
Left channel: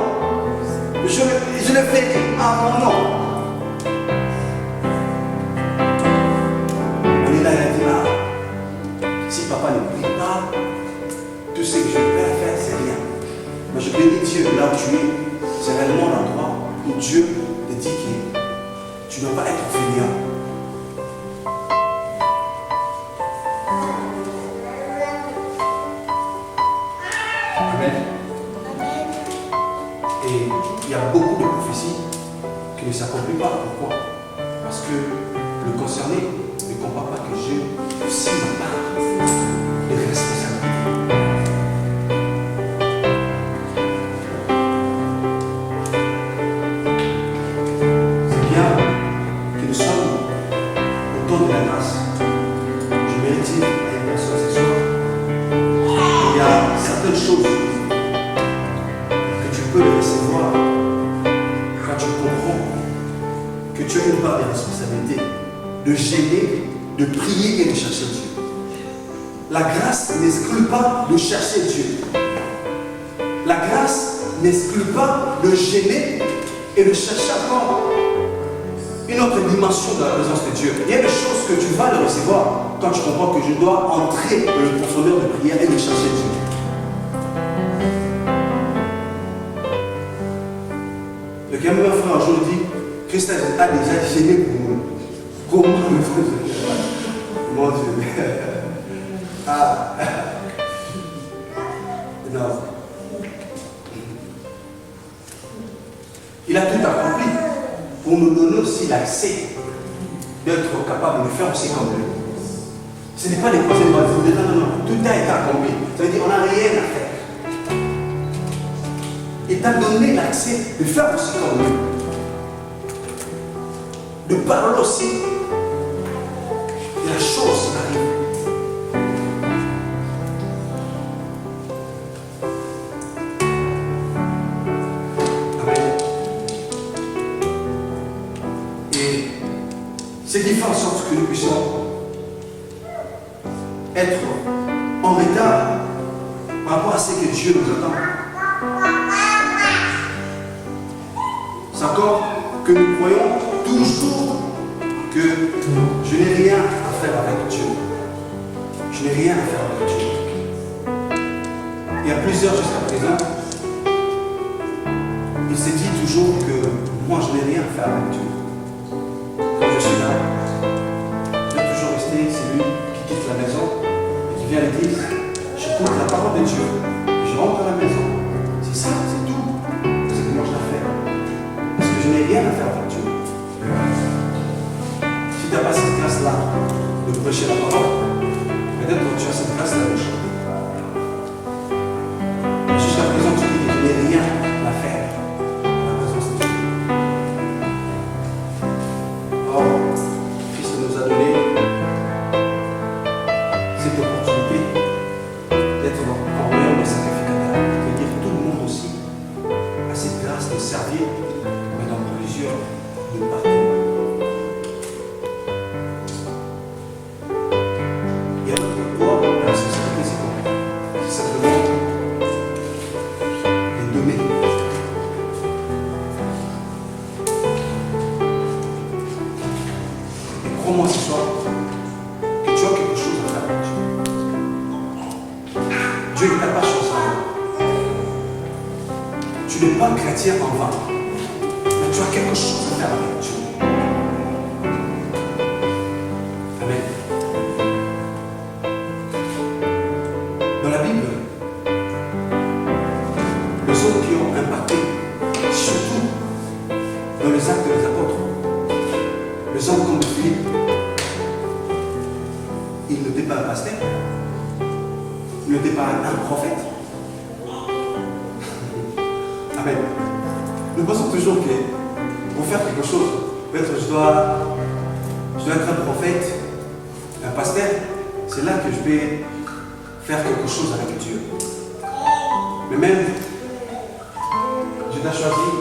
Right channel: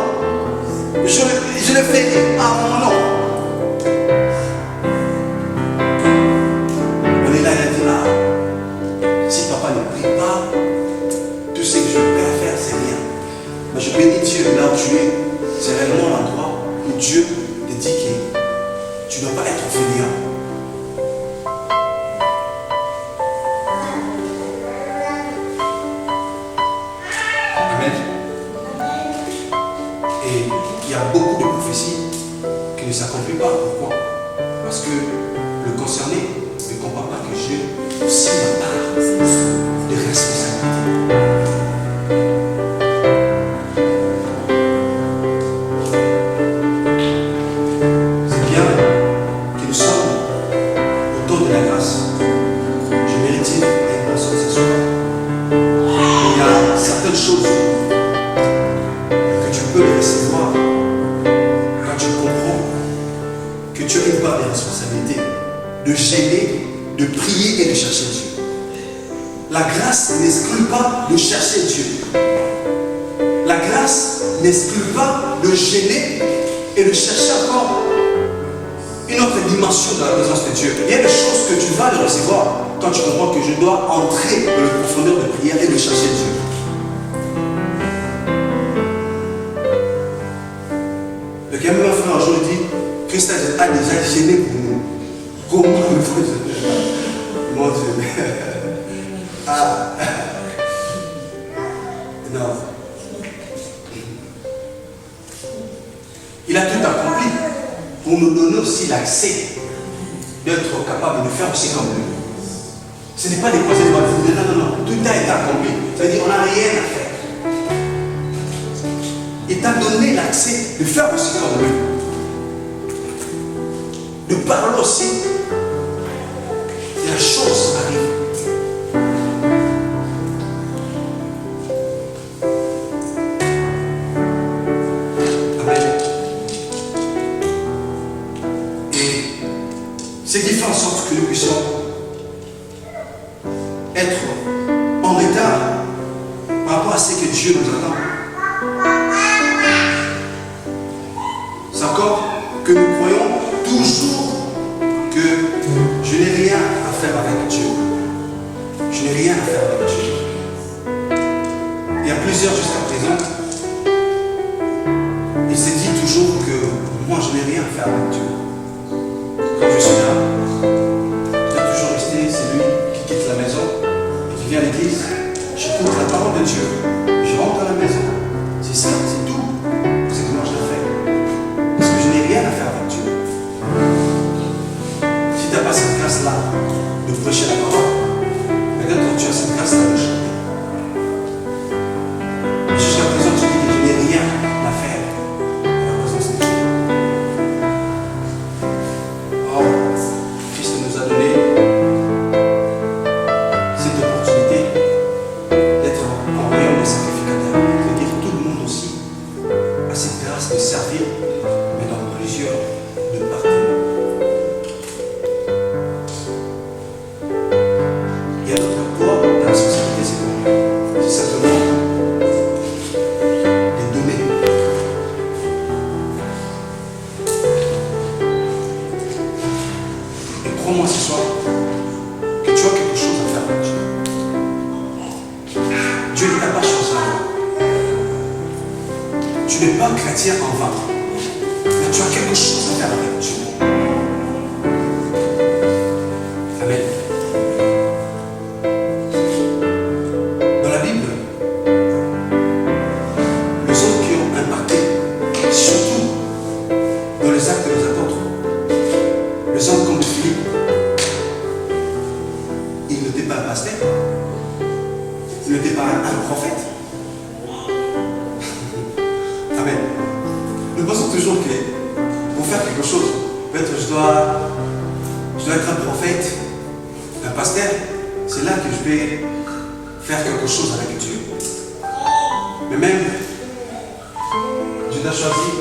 je le fais en mon nom. On est là, il a dit là, si papa ne prie pas, tout ce que je peux faire, c'est rien. Mais je bénis Dieu là où tu es. C'est réellement l'endroit où Dieu te dit que tu ne dois pas être fainéant. Amen. Et il y a beaucoup de prophéties qui ne s'accomplissent pas. Pourquoi? Parce que le concerné ne comprend pas que j'ai aussi ma part de responsabilité. C'est bien que nous sommes au temps de la grâce. Je mérite à une personne ce soir. Il y a certaines choses que tu peux les recevoir quand tu comprends que tu as une part de responsabilité de gêner, de prier et de chercher Dieu. La grâce n'exclut pas de chercher Dieu. La grâce n'exclut pas de gêner et de chercher encore une autre dimension de la présence de Dieu. Il y a des choses que tu vas le recevoir quand tu comprends que je dois entrer dans le profondeur de prière et de chercher Dieu. Le gamin frère un jour dit, Christ a déjà gêné pour nous. Comment mon Dieu. Ah. Non. Il a tout accompli pour nous donner aussi l'accès d'être capable de faire aussi comme lui. Ce n'est pas des conseils de dire non, non, non, tout a été accompli. Ça veut dire qu'on n'a rien à faire. Il t'a donné l'accès de faire aussi comme lui. De parler aussi. Et la chose arrive. Amen. Et ce qui fait en sorte que nous puissions être en retard par rapport à ce que Dieu nous attend. C'est encore que nous croyons toujours que je n'ai rien à faire avec Dieu. Je n'ai rien à faire avec Dieu. Il y a plusieurs jusqu'à présent. Il se dit toujours que moi je n'ai rien à faire avec Dieu. Quand je suis là, je vais toujours rester celui qui quitte la maison et qui vient à l'église. J'écoute la parole de Dieu. Je rentre à la maison. C'est ça, c'est tout. C'est que moi je l'ai fait. Parce que je n'ai rien à faire avec Dieu. Si tu n'as pas cette grâce-là de prêcher la parole, peut-être que tu as cette grâce-là de chanter. Mais jusqu'à présent, tu dis que je n'ai rien à faire dans la présence de Dieu. Or, Christ nous a donné cette opportunité d'être en royaume de sacrificateurs. C'est-à-dire tout le monde aussi a cette grâce de servir, mais dans plusieurs départements. Il y a notre poids, la responsabilité, c'est quoi? C'est simplement de donner. Et crois-moi ce soir que tu as quelque chose à faire avec Dieu. Dieu ne t'a pas choisi en vain. Tu n'es pas chrétien en vain. Mais tu as quelque chose à faire avec Dieu. Amen. Dans la Bible, Il n'était pas un prophète. Amen. Nous pensons toujours que pour faire quelque chose, peut-être je dois être un prophète, un pasteur. C'est là que je vais faire quelque chose avec Dieu. Mais même, Dieu t'a choisi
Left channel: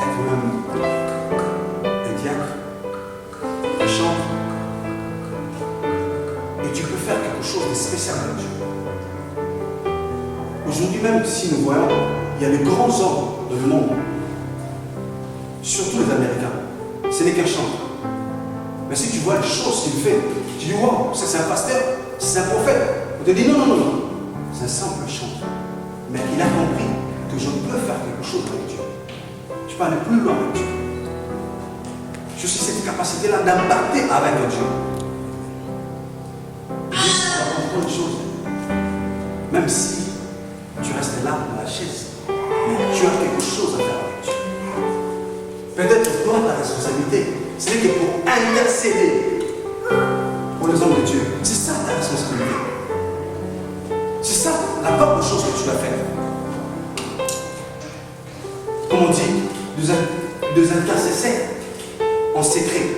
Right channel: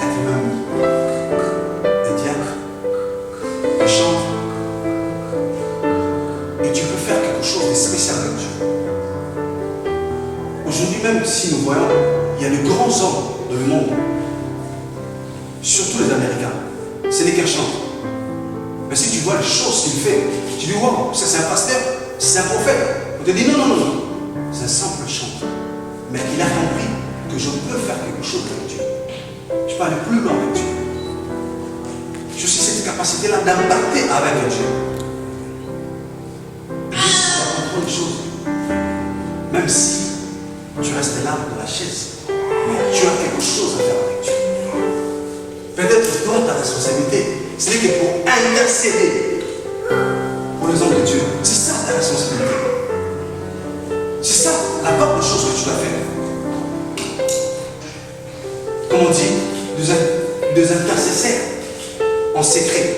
être même un diacre, un chanteur. Et tu peux faire quelque chose de spécial avec Dieu. Aujourd'hui même, si nous voyons, il y a de grands hommes dans le monde, surtout les Américains. Ce n'est qu'un chanteur. Mais si tu vois les choses qu'il fait, tu dis, wow, ça c'est un pasteur, c'est un prophète. On te dit, non, non, non, non. C'est un simple chanteur. Mais il a compris que je peux faire quelque chose avec Dieu. Je peux aller plus loin avec Dieu. Je suis cette capacité-là d'impacter avec Dieu. Et Dieu va comprendre une chose. Même si tu restes là dans la chaise, mais tu as quelque chose à faire avec Dieu. Peut-être toi, ta responsabilité, ce n'est que pour intercéder pour les hommes de Dieu. C'est ça ta responsabilité. C'est ça la part de choses que tu dois faire. Comme on dit, deux intercesseurs en secret.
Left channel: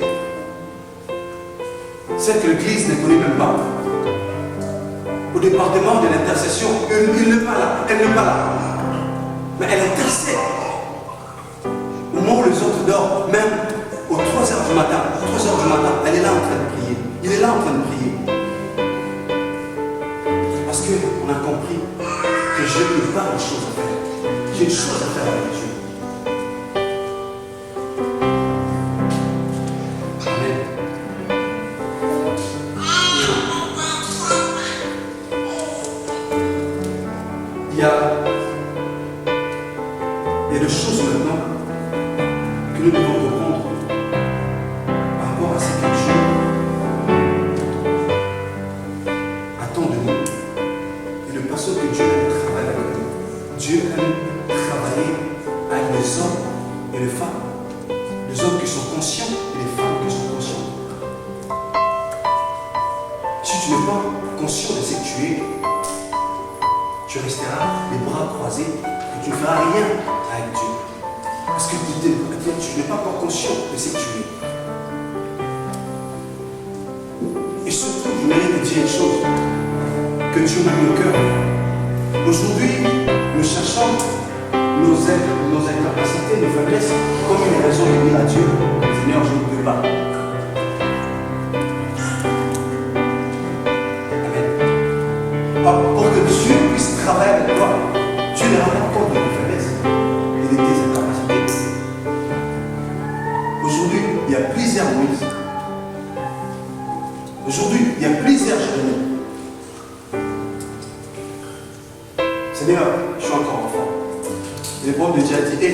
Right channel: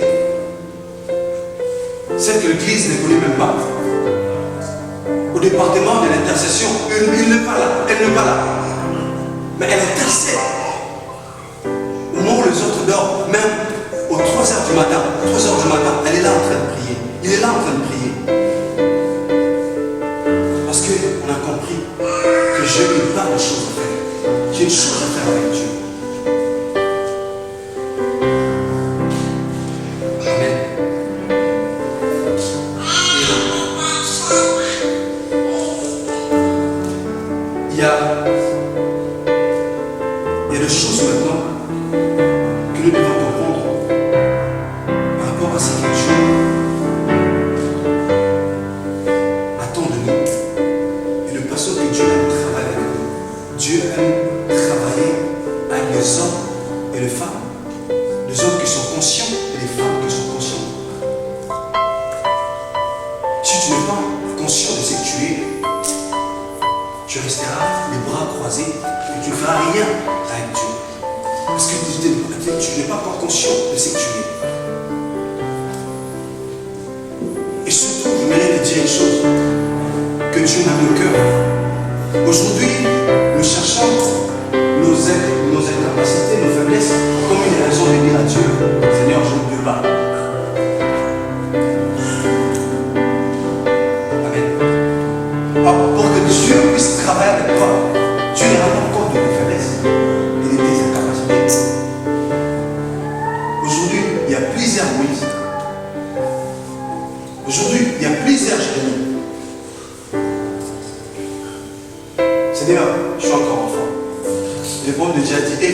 Celle que l'Église ne connaît même pas. Au département de l'intercession, il n'est pas là, elle n'est pas là. Mais elle intercède. Au moment où les autres dorment, même aux 3h du matin, elle est là en train de prier. Il est là en train de prier. Parce qu'on a compris que Dieu n'a pas de choses à faire. J'ai une chose à faire avec Dieu. Amen. Il y a des choses maintenant que nous devons comprendre par rapport à ce que Dieu attend de nous et le façon que Dieu aime travailler avec nous. Dieu aime travailler avec des hommes et des femmes, des hommes qui sont conscients et des femmes qui sont conscientes. Si tu n'es pas conscient de ce que tu es, tu resteras les bras croisés et tu ne feras rien avec Dieu. Parce que tu n'es pas encore conscient de ce que tu es. Et surtout, je mérite de dire une chose, que Dieu m'a mis au cœur. Aujourd'hui, nous cherchons nos incapacités, nos faiblesses, comme une raison de dire à Dieu, Seigneur, je ne peux pas. Pour que Dieu puisse travailler avec toi, Dieu ne rend pas compte de tes faiblesses et de tes incapacités. Aujourd'hui, il y a plusieurs Moïse. Aujourd'hui, il y a plusieurs Jérémie. Seigneur, je suis encore enfant. Le problème de Dieu a dit, hé,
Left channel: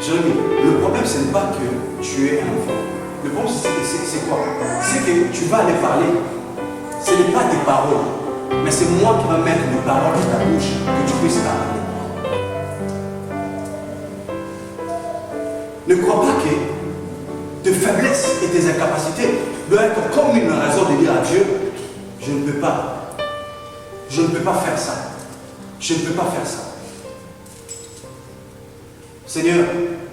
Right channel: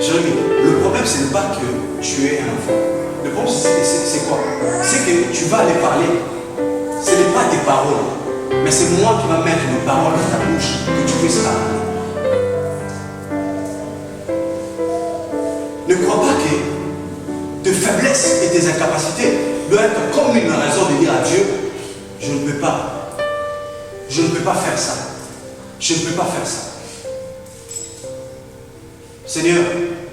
Jérémie, le problème, ce n'est pas que tu es un enfant. Le problème, c'est quoi? C'est que tu vas aller parler. Ce n'est pas tes paroles, mais c'est moi qui vais mettre des paroles dans ta bouche que tu puisses parler. Ne crois pas que tes faiblesses et tes incapacités doivent être comme une raison de dire à Dieu, je ne peux pas. Je ne peux pas faire ça. Je ne peux pas faire ça. Seigneur,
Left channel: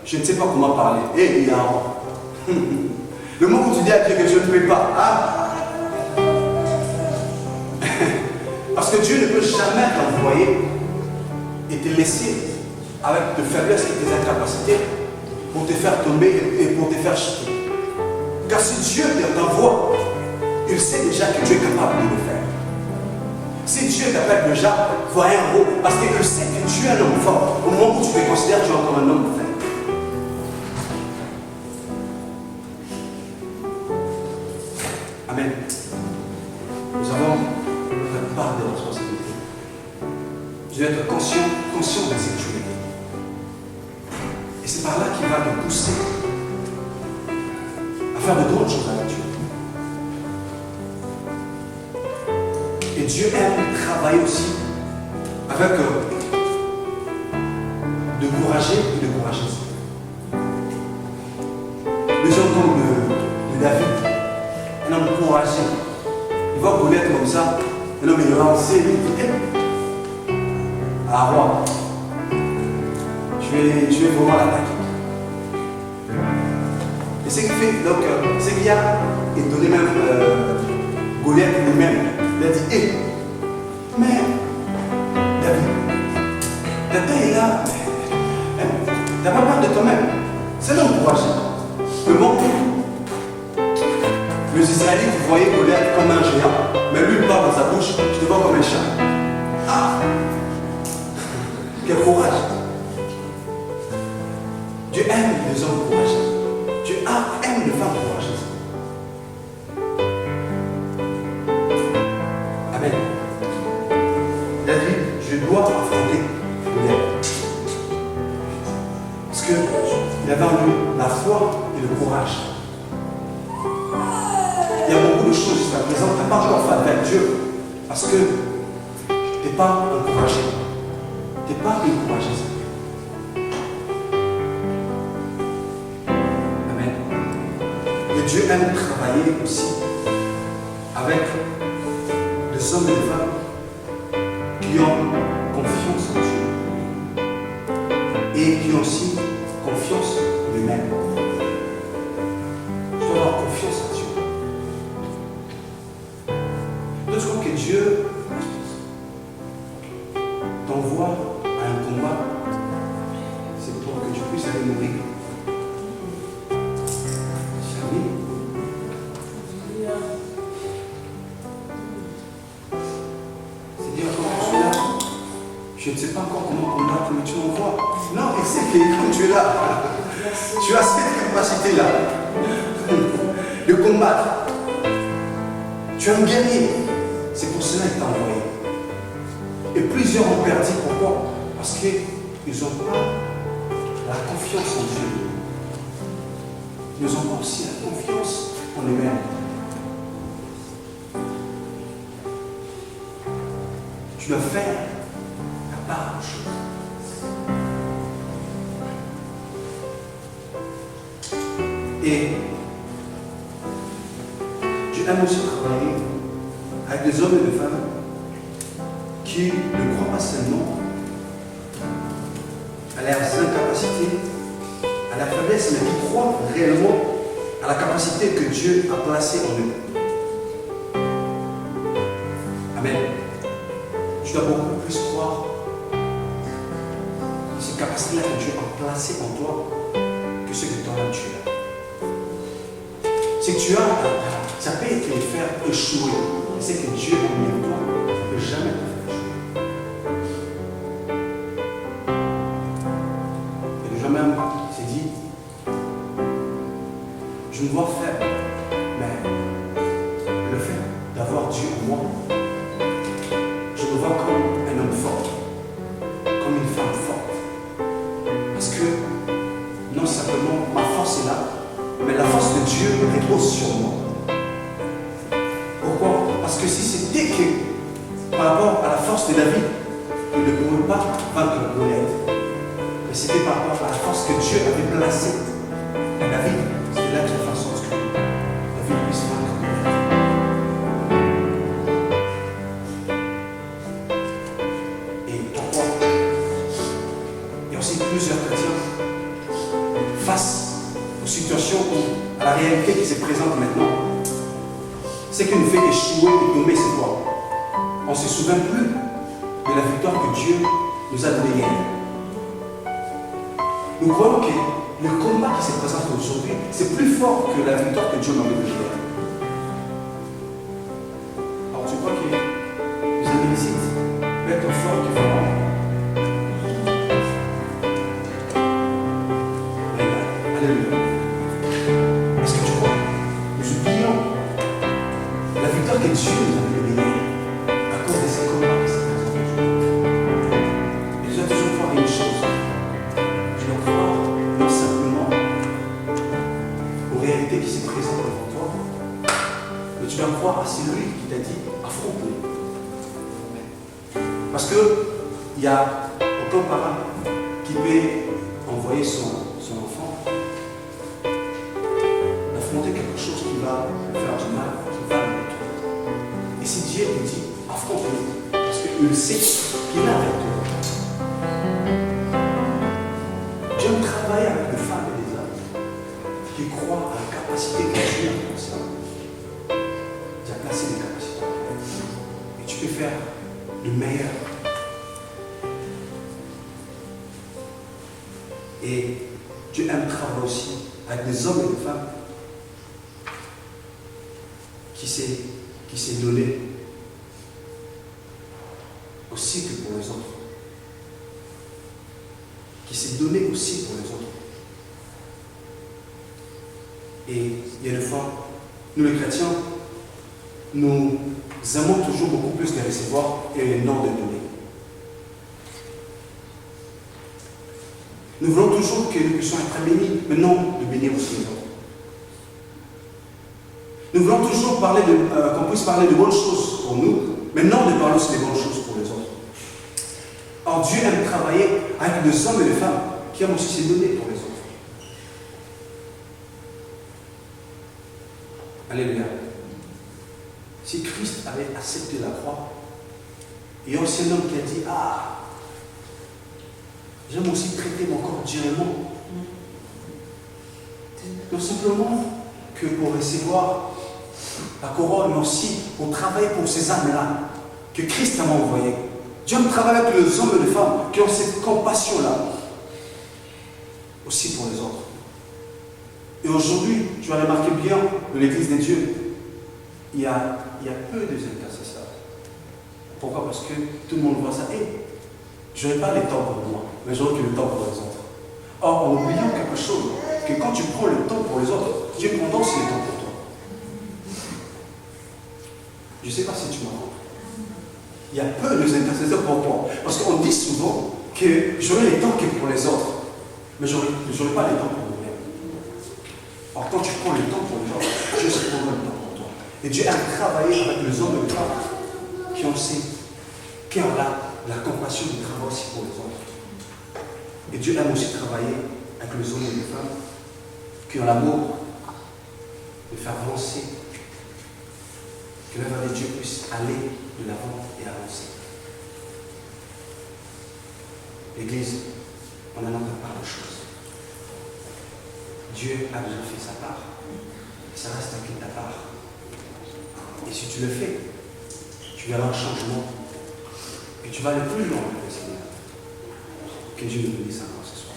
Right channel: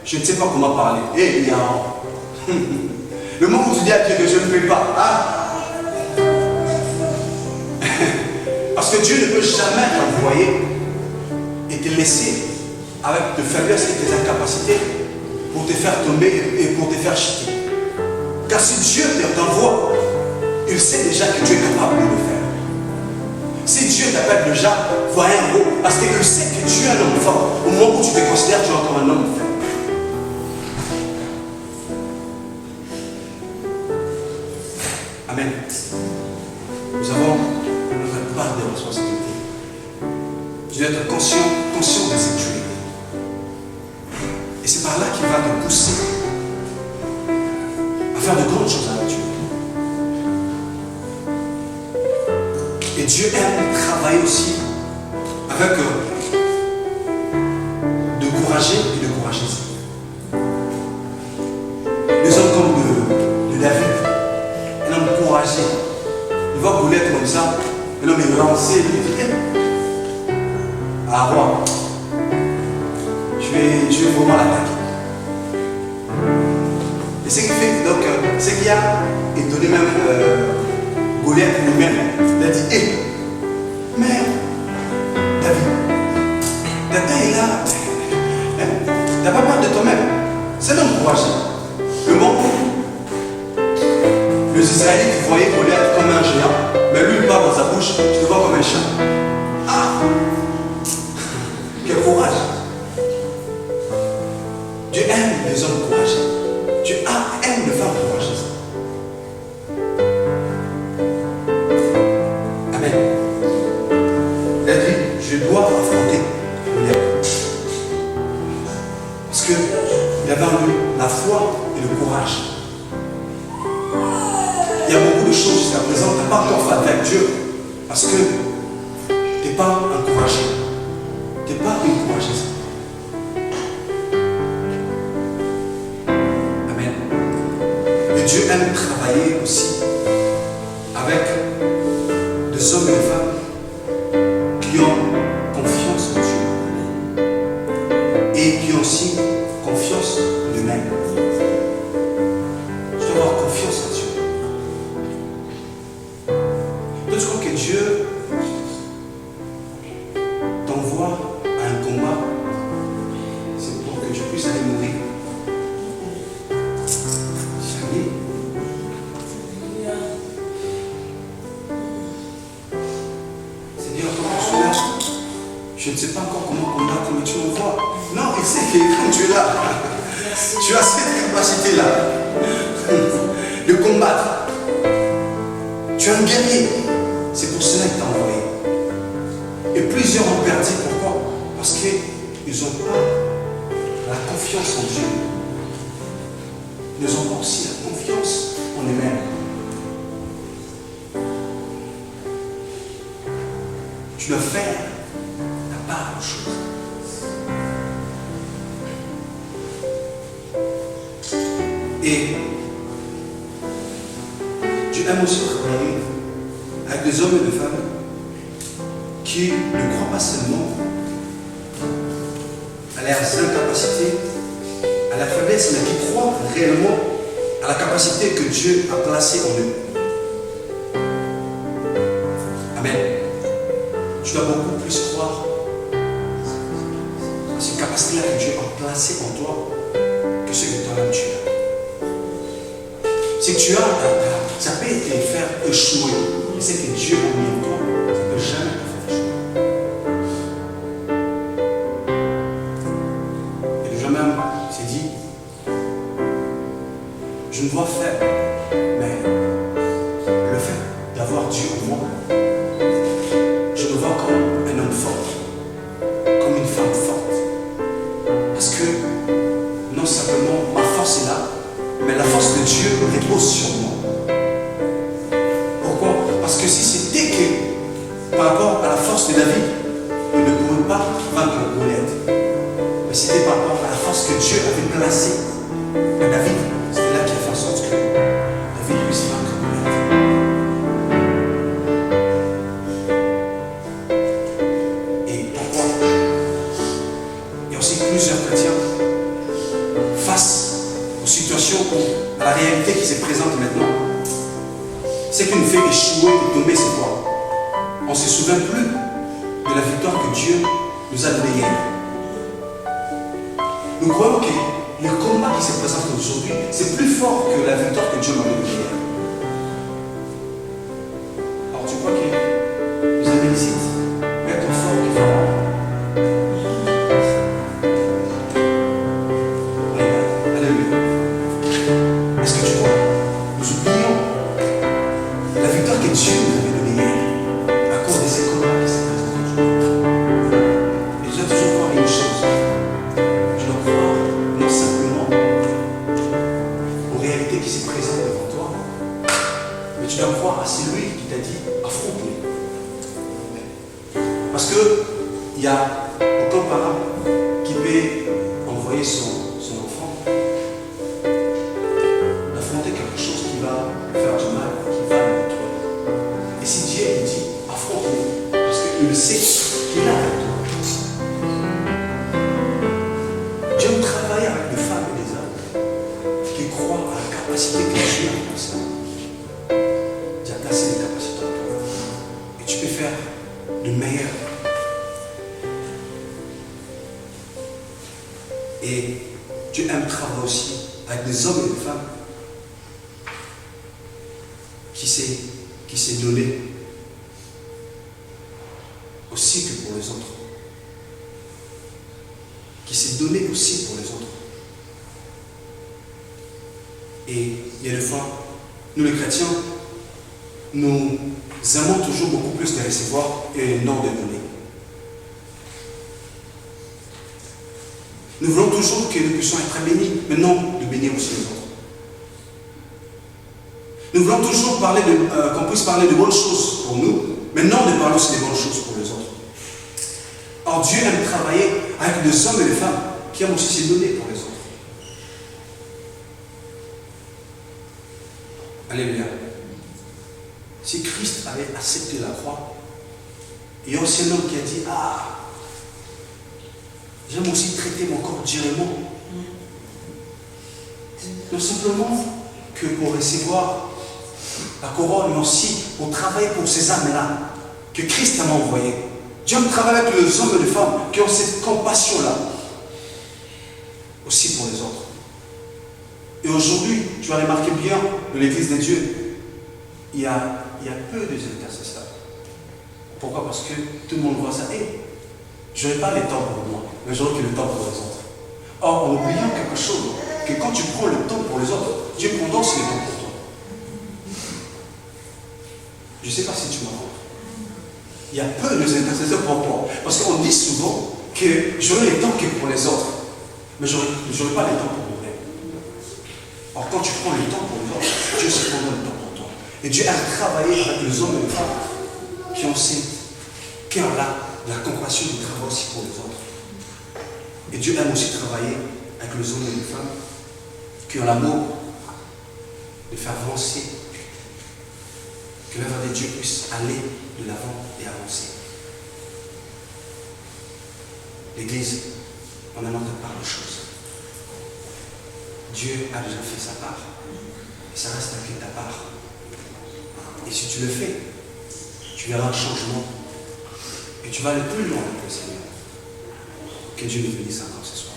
je ne sais pas comment parler. Et le moment où tu dis à Dieu que je ne peux pas, parce que Dieu ne peut jamais t'envoyer et te laisser avec tes faiblesses et tes incapacités pour te faire tomber et pour te faire chuter. Car si Dieu t'envoie, il sait déjà que tu es capable de le faire. Si Dieu t'appelle déjà, voyez un mot, parce qu'il sait que tu es un homme fort. Au moment où tu te considères, tu es comme un homme faible. Amen. Nous avons notre part de responsabilité. Tu dois être conscient de ce que tu es. Et c'est par là qu'il va te pousser à faire de grandes choses avec Dieu. Et Dieu aime travailler aussi avec de courageux et de courageuses. Des hommes comme de David, un homme courageux, Il voit Goliath comme ça. Et l'homme est lancé. Il dit, ah roi, je vais vraiment l'attaquer. Et ce qui fait, donc, ce qui a étonné même Goliath lui-même, il a dit, hé, mais David, ta taille est là, hein? T'as pas peur de toi-même. C'est l'homme courageux. Le bon coup. Les Israélites voyaient Goliath comme un géant, mais lui il parle dans sa bouche, je te vois comme un chien. Ah! Quel courage! Dieu aime les hommes courageux. Dieu aime les femmes courageuses. Amen. Il a dit, je dois affronter Goliath. Parce qu'il avait en lui la foi et le courage. Il y a beaucoup de choses jusqu'à présent, tu n'as pas encore fait avec Dieu. Parce que tu n'es pas encouragé. Tu n'es pas une courageuse. Amen. Et Dieu aime travailler aussi avec des hommes et des femmes qui ont confiance en Dieu. Et qui ont aussi confiance en eux-mêmes. Tu dois avoir confiance en Dieu. Je crois que Dieu t'envoie à un combat, c'est pour que tu puisses aller mourir. Jamais. C'est-à-dire, quand je suis là, je ne sais pas encore comment combattre, mais tu m'envoies. Non, il sait que quand tu es là, tu as cette capacité-là de combattre. Tu es un guerrier. C'est pour cela qu'il t'a envoyé. Et plusieurs ont perdu. Pourquoi? Parce qu'ils n'ont pas la confiance en Dieu. Ils n'ont pas aussi la confiance en eux-mêmes. Tu dois faire ta part aux choses. Et Dieu aime aussi travailler avec des hommes et des femmes qui ne croient pas seulement à leurs incapacités, à la faiblesse, mais qui croient réellement à la capacité que Dieu a placée en eux. Amen. Tu dois beaucoup plus croire à ces capacités-là que Dieu a placées en toi que ce que toi-même tu as. C'est que tu as, ça peut te faire échouer. Mais c'est que Dieu a mis en toi, ça ne peut jamais te faire échouer. Et le jour même s'est dit, je me vois faible, mais le fait d'avoir Dieu en moi, je me vois comme un homme fort, comme une femme forte. Parce que non simplement ma force est là, mais la force de Dieu repose sur moi. Pourquoi? Parce que si c'était que par rapport à la force de David, il ne pouvait pas vaincre Goliath. Mais c'était par rapport à la force que Dieu avait placée à David. C'était là qui a fait en sorte que David puisse vaincre Goliath. Et pourquoi? Il y a aussi plusieurs chrétiens face aux situations ou à la réalité qui se présente maintenant. Ce qui nous fait échouer et tomber, c'est quoi? On ne se souvient plus de la victoire que Dieu nous a donnée hier. Nous croyons que le combat qui se présente aujourd'hui, c'est plus fort que la victoire que Dieu m'a donnée hier. Alors tu crois que les Amélécites vont être forts que Pharaon? Alléluia. Est-ce que tu crois? Nous oublions la victoire que Dieu nous avait donnée hier à cause de ces combats qui se présentent aujourd'hui. Et tu dois toujours croire une chose. Tu dois croire non simplement aux réalités qui se présentent devant toi, mais tu dois croire à celui qui t'a dit affronte-les. Parce qu'il y a aucun parent qui peut envoyer son enfant d'affronter quelque chose qui va lui faire du mal, qui va le détruire. il sait qu'il a avec toi. Dieu aime travailler avec des femmes et des hommes qui croient à la capacité que Dieu a placée. Dieu a placé des capacités en toi. Et tu peux faire de meilleur. Et Dieu aime travailler aussi avec des hommes et des femmes qui s'est donné aussi que pour les autres. Qui s'est donné aussi pour les autres. Et il y a des fois, nous les chrétiens, nous aimons toujours beaucoup plus de recevoir et non de donner. Nous voulons toujours que nous puissions être bénis, mais non de bénir aussi les autres. Nous voulons toujours qu'on puisse parler de bonnes choses pour nous, mais non de parler aussi des bonnes choses pour les autres. Or, Dieu aime travailler avec des hommes et des femmes qui aiment aussi se donner pour les autres. Alléluia. Si Christ avait accepté la croix, il y a aussi un homme qui a dit, ah, j'aime aussi traiter mon corps durement. Non simplement que pour recevoir la couronne, mais aussi pour travailler pour ces âmes-là que Christ m'a envoyé. Dieu me travaille avec les hommes et les femmes qui ont cette compassion-là aussi pour les autres. Et aujourd'hui, tu vas remarquer bien dans l'Église de Dieu, il y a peu d'intercesseurs. Pourquoi? Parce que tout le monde voit ça. Je n'aurai pas le temps pour moi, mais j'aurai que le temps pour les autres. Or, en oubliant quelque chose, que quand tu prends le temps pour les autres, Dieu prend aussi le temps pour toi. Je ne sais pas si tu m'as compris. Il y a peu d'intercesseurs pour moi. Parce qu'on dit souvent que j'aurai le temps que pour les autres, mais je n'aurai pas le temps pour moi-même. Or, quand tu prends le temps pour les autres, Dieu se prendra le temps pour toi. Et Dieu a travaillé avec les hommes et les femmes qui ont ce cœur-là, la compassion du travail aussi pour les autres. Et Dieu aime aussi travailler avec les hommes et les femmes qui ont l'amour de faire avancer, que l'œuvre de Dieu puisse aller de l'avant et avancer. L'Église, on a notre part de choses. Dieu a déjà fait sa part. Et ça reste avec ta part. Et si tu le fais, tu verras un changement. Et tu vas aller plus loin avec le Seigneur. Que Dieu nous bénisse encore ce soir.